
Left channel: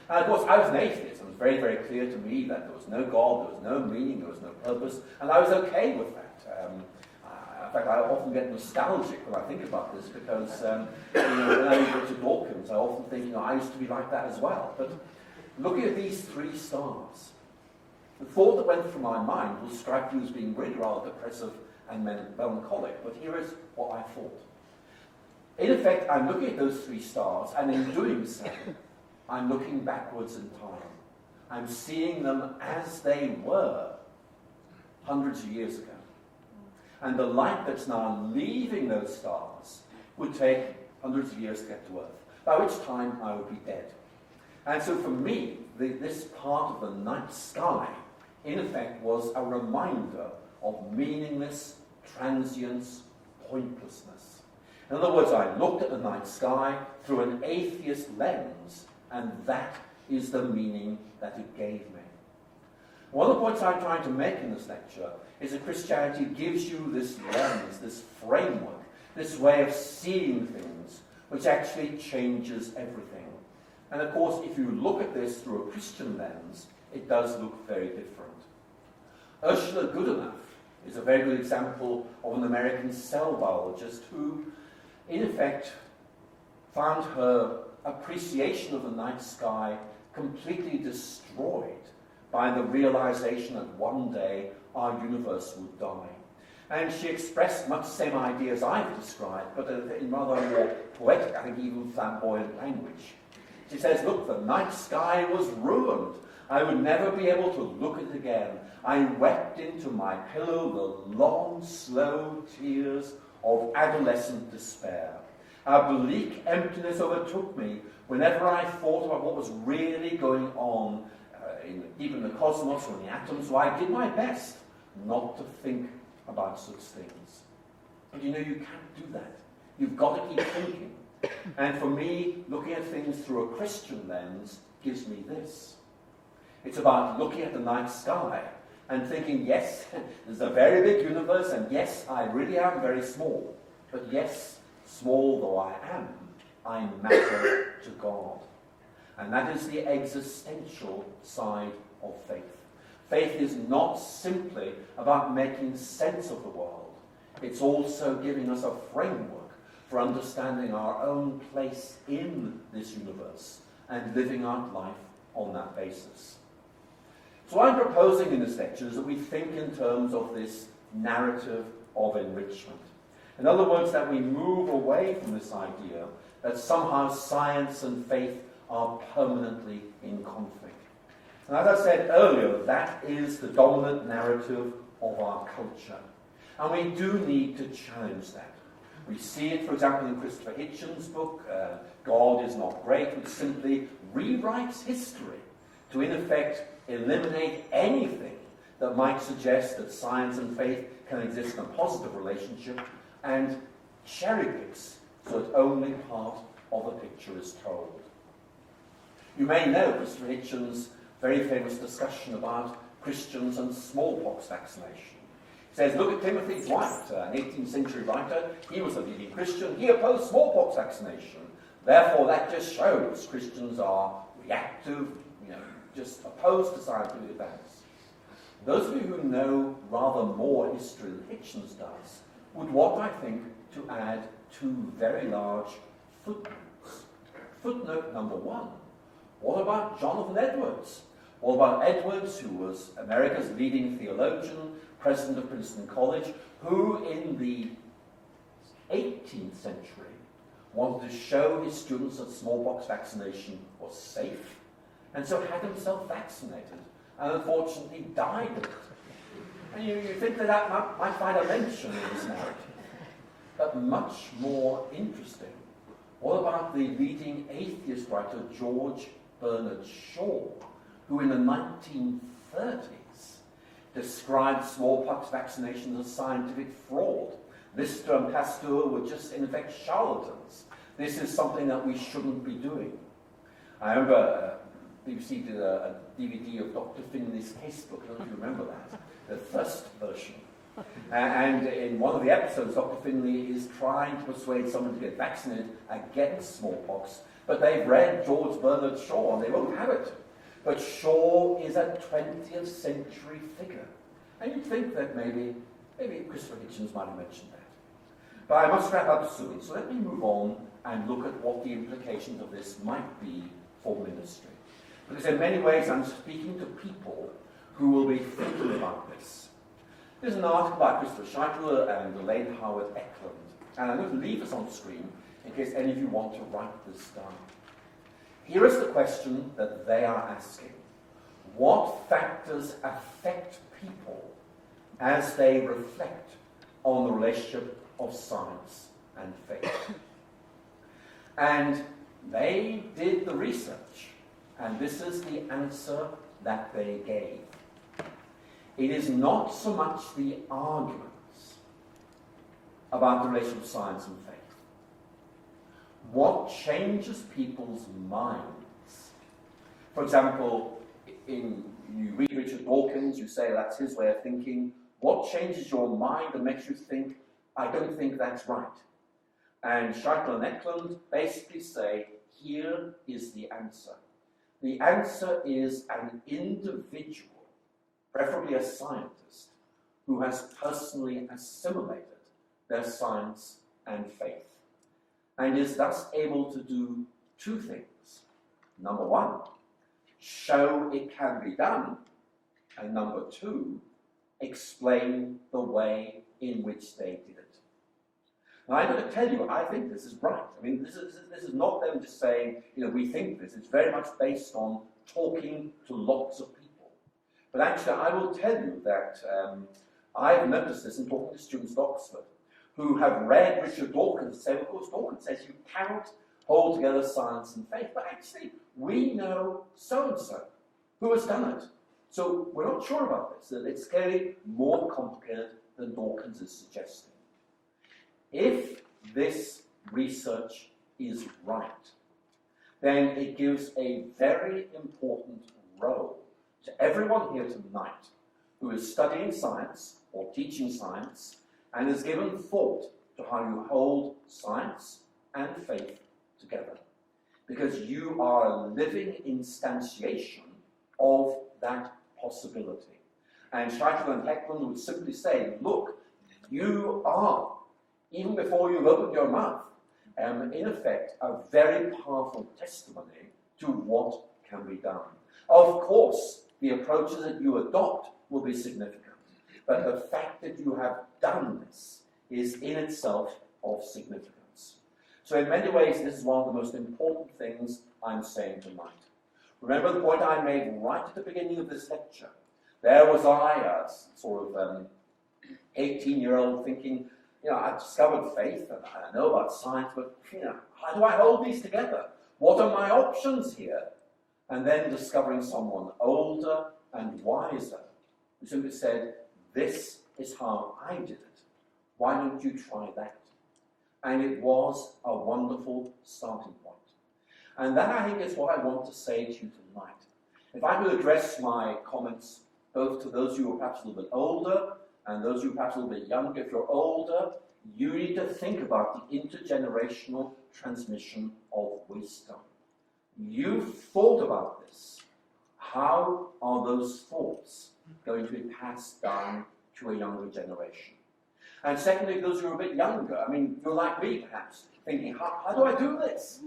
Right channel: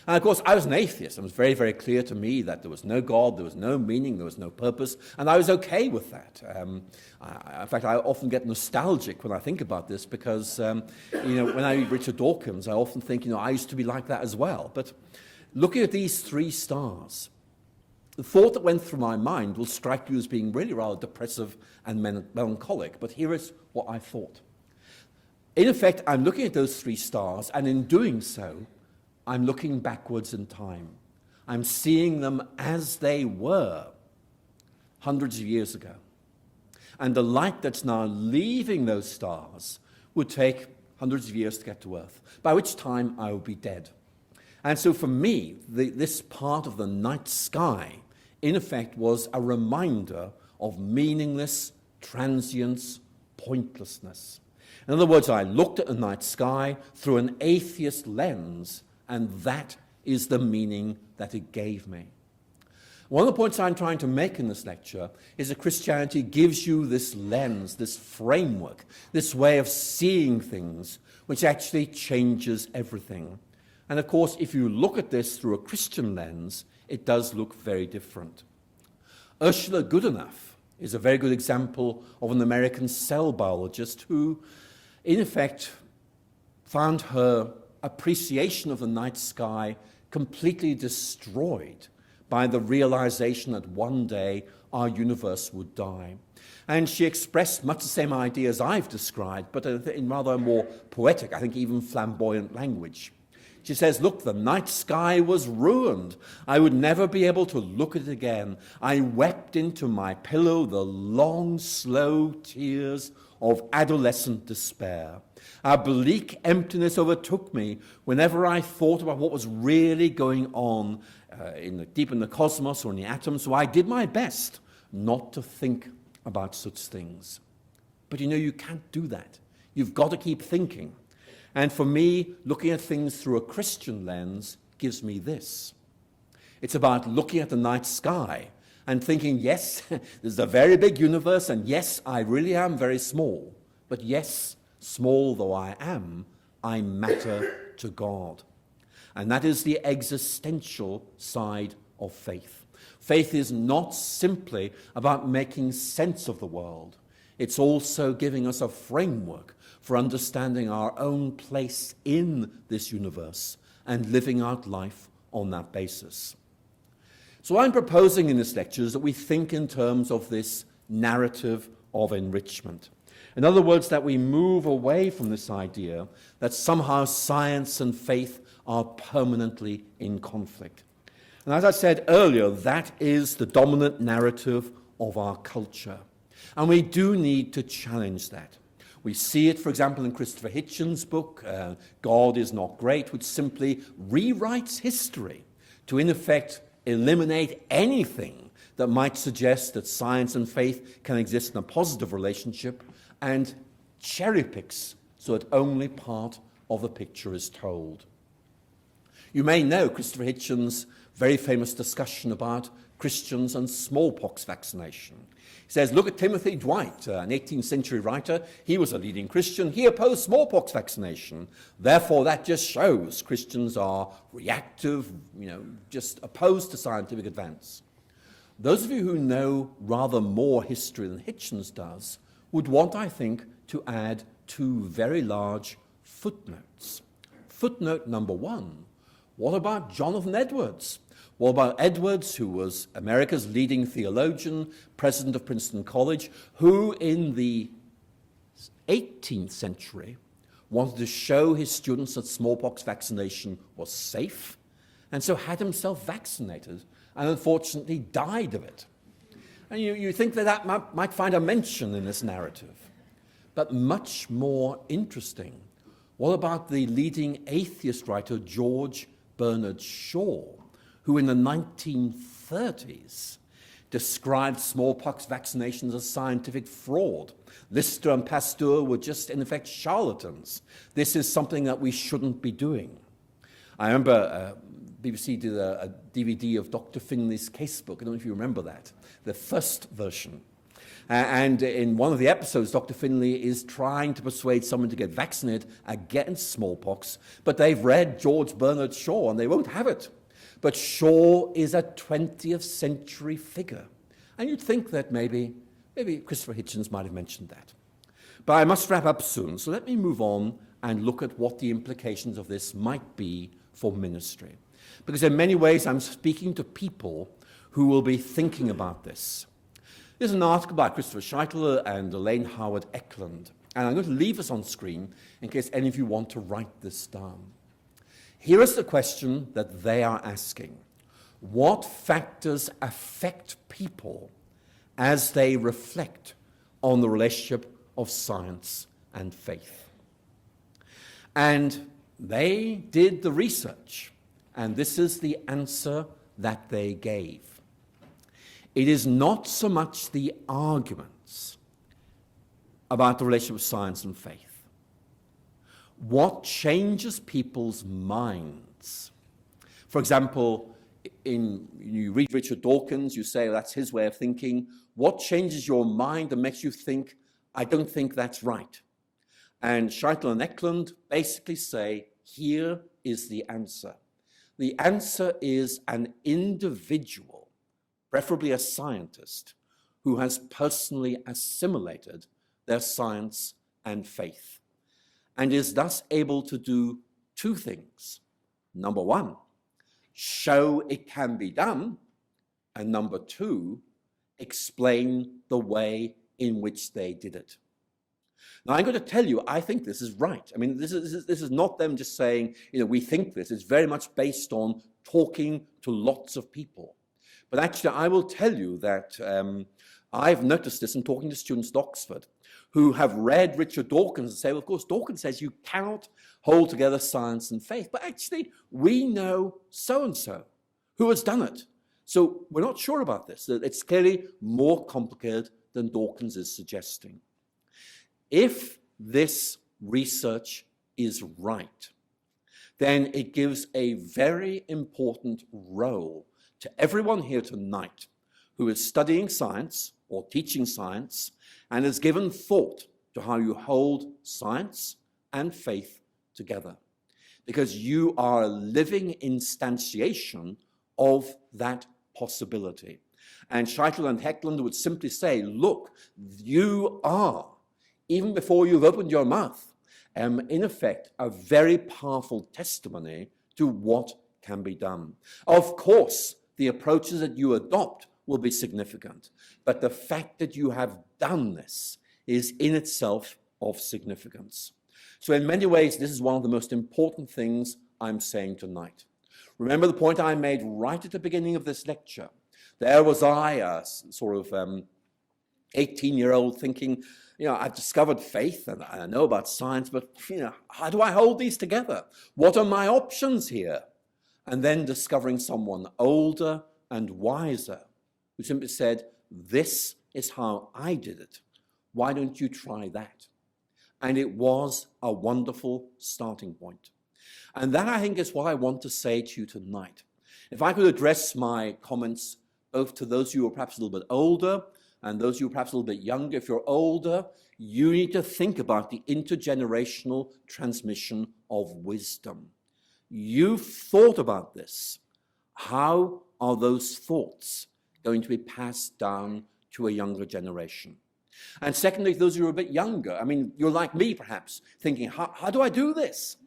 And of course, I was an atheist. It was very, very clear to me that there was no God, there was no meaning, there was no purpose, and I was okay with that. In fact, I often get nostalgic when I think about this because when I read Richard Dawkins, I often think, I used to be like that as well. But looking at these 3 stars, the thought that went through my mind will strike you as being really rather depressive and melancholic, but here is what I thought. In effect, I'm looking at those 3 stars, and in doing so, I'm looking backwards in time. I'm seeing them as they were hundreds of years ago. And the light that's now leaving those stars would take hundreds of years to get to Earth, by which time I would be dead. And so for me, this part of the night sky, in effect, was a reminder of meaningless, transience, pointlessness. In other words, I looked at the night sky through an atheist lens, and that is the meaning that it gave me. One of the points I'm trying to make in this lecture is that Christianity gives you this lens, this framework, this way of seeing things, which actually changes everything. And of course, if you look at this through a Christian lens, it does look very different. Ursula Goodenough is a very good example of an American cell biologist who, in effect, found her appreciation of the night sky completely destroyed by the realization that one day our universe would die. And she expressed much the same ideas I've described, but in rather more poetic, I think even flamboyant language. She says, look, the night sky was ruined. I would never be able to look at it again. I wept into my pillow the long, slow tears of adolescent despair. A bleak emptiness overtook me whenever I thought about what was really going on deep in the cosmos or in the atoms, so I did my best not to think about such things. But you can't do that. You've got to keep thinking. And for me, looking at things through a Christian lens gives me this. It's about looking at the night sky and thinking, yes, there's a very big universe, and yes, I really am very small. But yes, small though I am, I matter to God. And that is the existential side of faith. Faith is not simply about making sense of the world. It's also giving us a framework for understanding our own place in this universe and living out life on that basis. So what I'm proposing in this lecture is that we think in terms of this narrative of enrichment. In other words, that we move away from this idea that somehow science and faith are permanently in conflict. And as I said earlier, that is the dominant narrative of our culture. And we do need to challenge that. We see it, for example, in Christopher Hitchens' book, God is Not Great, which simply rewrites history to, in effect, eliminate anything that might suggest that science and faith can exist in a positive relationship, and cherry picks so that only part of the picture is told. You may know Christopher Hitchens' very famous discussion about Christians and smallpox vaccination. He says, look at Timothy Dwight, an 18th century writer. He was a leading Christian. He opposed smallpox vaccination. Therefore, that just shows Christians are reactive, just opposed to scientific advance. Those of you who know rather more history than Hitchens does would want, I think, to add two very large footnotes. Footnote number one, what about Jonathan Edwards? What about Edwards, who was America's leading theologian, president of Princeton College, who in the 18th century wanted to show his students that smallpox vaccination was safe, and so had himself vaccinated, and unfortunately died of it. And you think that might find a mention in this narrative. But much more interesting, what about the leading atheist writer George Bernard Shaw, who in the 1930s described smallpox vaccinations as scientific fraud. Lister and Pasteur were just, in effect, charlatans. This is something that we shouldn't be doing. I remember BBC did a DVD of Dr. Finley's casebook. I don't know if you remember that, the first version. And in one of the episodes, Dr. Finley is trying to persuade someone to get vaccinated against smallpox, but they've read George Bernard Shaw and they won't have it. But Shaw is a 20th century figure. And you'd think that maybe Christopher Hitchens might have mentioned that. But I must wrap up soon, so let me move on and look at what the implications of this might be for ministry. Because in many ways I'm speaking to people who will be thinking about this. There's an article by Christopher Scheitler and Elaine Howard Eklund, and I'm going to leave this on screen in case any of you want to write this down. Here is the question that they are asking. What factors affect people as they reflect on the relationship of science and faith? And they did the research, and this is the answer that they gave. It is not so much the arguments about the relationship of science and faith. What changes people's minds? For example, you read Richard Dawkins, you say that's his way of thinking. What changes your mind and makes you think, I don't think that's right? And Scheitler and Eklund basically say, here is the answer. The answer is an individual, preferably a scientist, who has personally assimilated their science and faith, and is thus able to do two things. Number one, show it can be done, and number two, explain the way in which they did it. Now, I'm going to tell you, I think this is right. I mean, this is not them just saying, we think this. It's very much based on talking to lots of people. But actually, I will tell you that I've noticed this in talking to students at Oxford who have read Richard Dawkins and say, well, of course, Dawkins says you cannot hold together science and faith. But actually, we know so-and-so who has done it. So we're not sure about this. It's clearly more complicated than Dawkins is suggesting. If this research is right, then it gives a very important role to everyone here tonight who is studying science or teaching science and has given thought to how you hold science and faith together. Because you are a living instantiation of that possibility. And Scheitler and Eklund would simply say, look, you are, even before you've opened your mouth, in effect, a very powerful testimony to what can be done. Of course, the approaches that you adopt will be significant, but the fact that you have done this is in itself of significance. So in many ways, this is one of the most important things I'm saying tonight. Remember the point I made right at the beginning of this lecture. There was I, a sort of 18-year-old thinking, I've discovered faith and I know about science, but, how do I hold these together? What are my options here? And then discovering someone older and wiser who simply said, this is how I did it. Why don't you try that? And it was a wonderful starting point. And that, I think, is what I want to say to you tonight. If I could address my comments both to those who are perhaps a little bit older and those who are perhaps a little bit younger. If you're older, you need to think about the intergenerational transmission of wisdom. You've thought about this. How are those thoughts going to be passed down to a younger generation? And secondly, for those who are a bit younger, you're like me perhaps, thinking, how do I do this?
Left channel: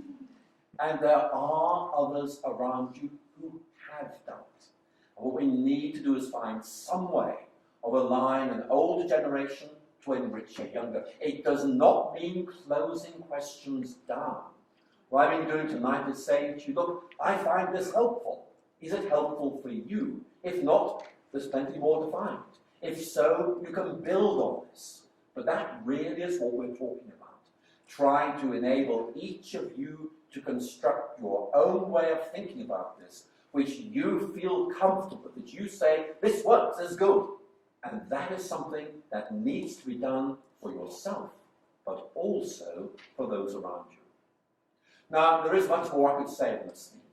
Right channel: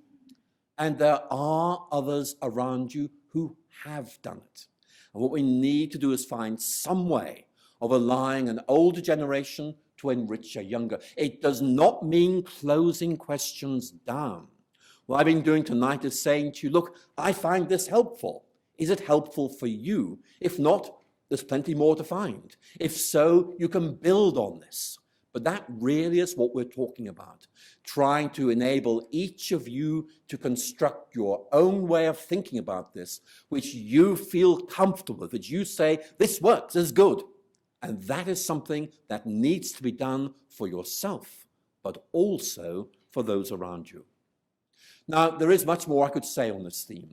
And there are others around you who have done it. And what we need to do is find some way of allowing an older generation to enrich a younger. It does not mean closing questions down. What I've been doing tonight is saying to you, look, I find this helpful. Is it helpful for you? If not, there's plenty more to find. If so, you can build on this. But that really is what we're talking about. Trying to enable each of you to construct your own way of thinking about this, which you feel comfortable with, that you say, this works, this is good. And that is something that needs to be done for yourself, but also for those around you. Now, there is much more I could say on this theme,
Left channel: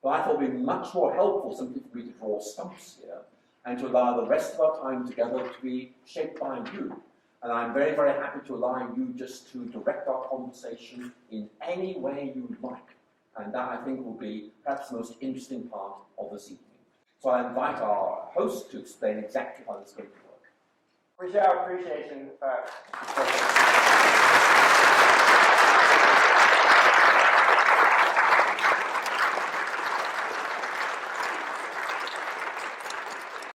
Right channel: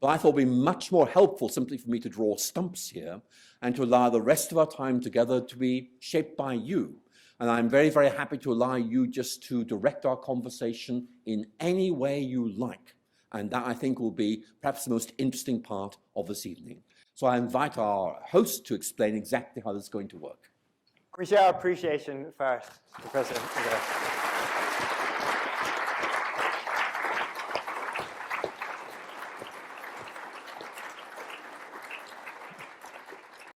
but I thought it would be much more helpful simply for me to draw stumps here and to allow the rest of our time together to be shaped by you. And I'm very, very happy to allow you just to direct our conversation in any way you like. And that, I think, will be perhaps the most interesting part of this evening. So I invite our host to explain exactly how this is going to work. We share our appreciation first.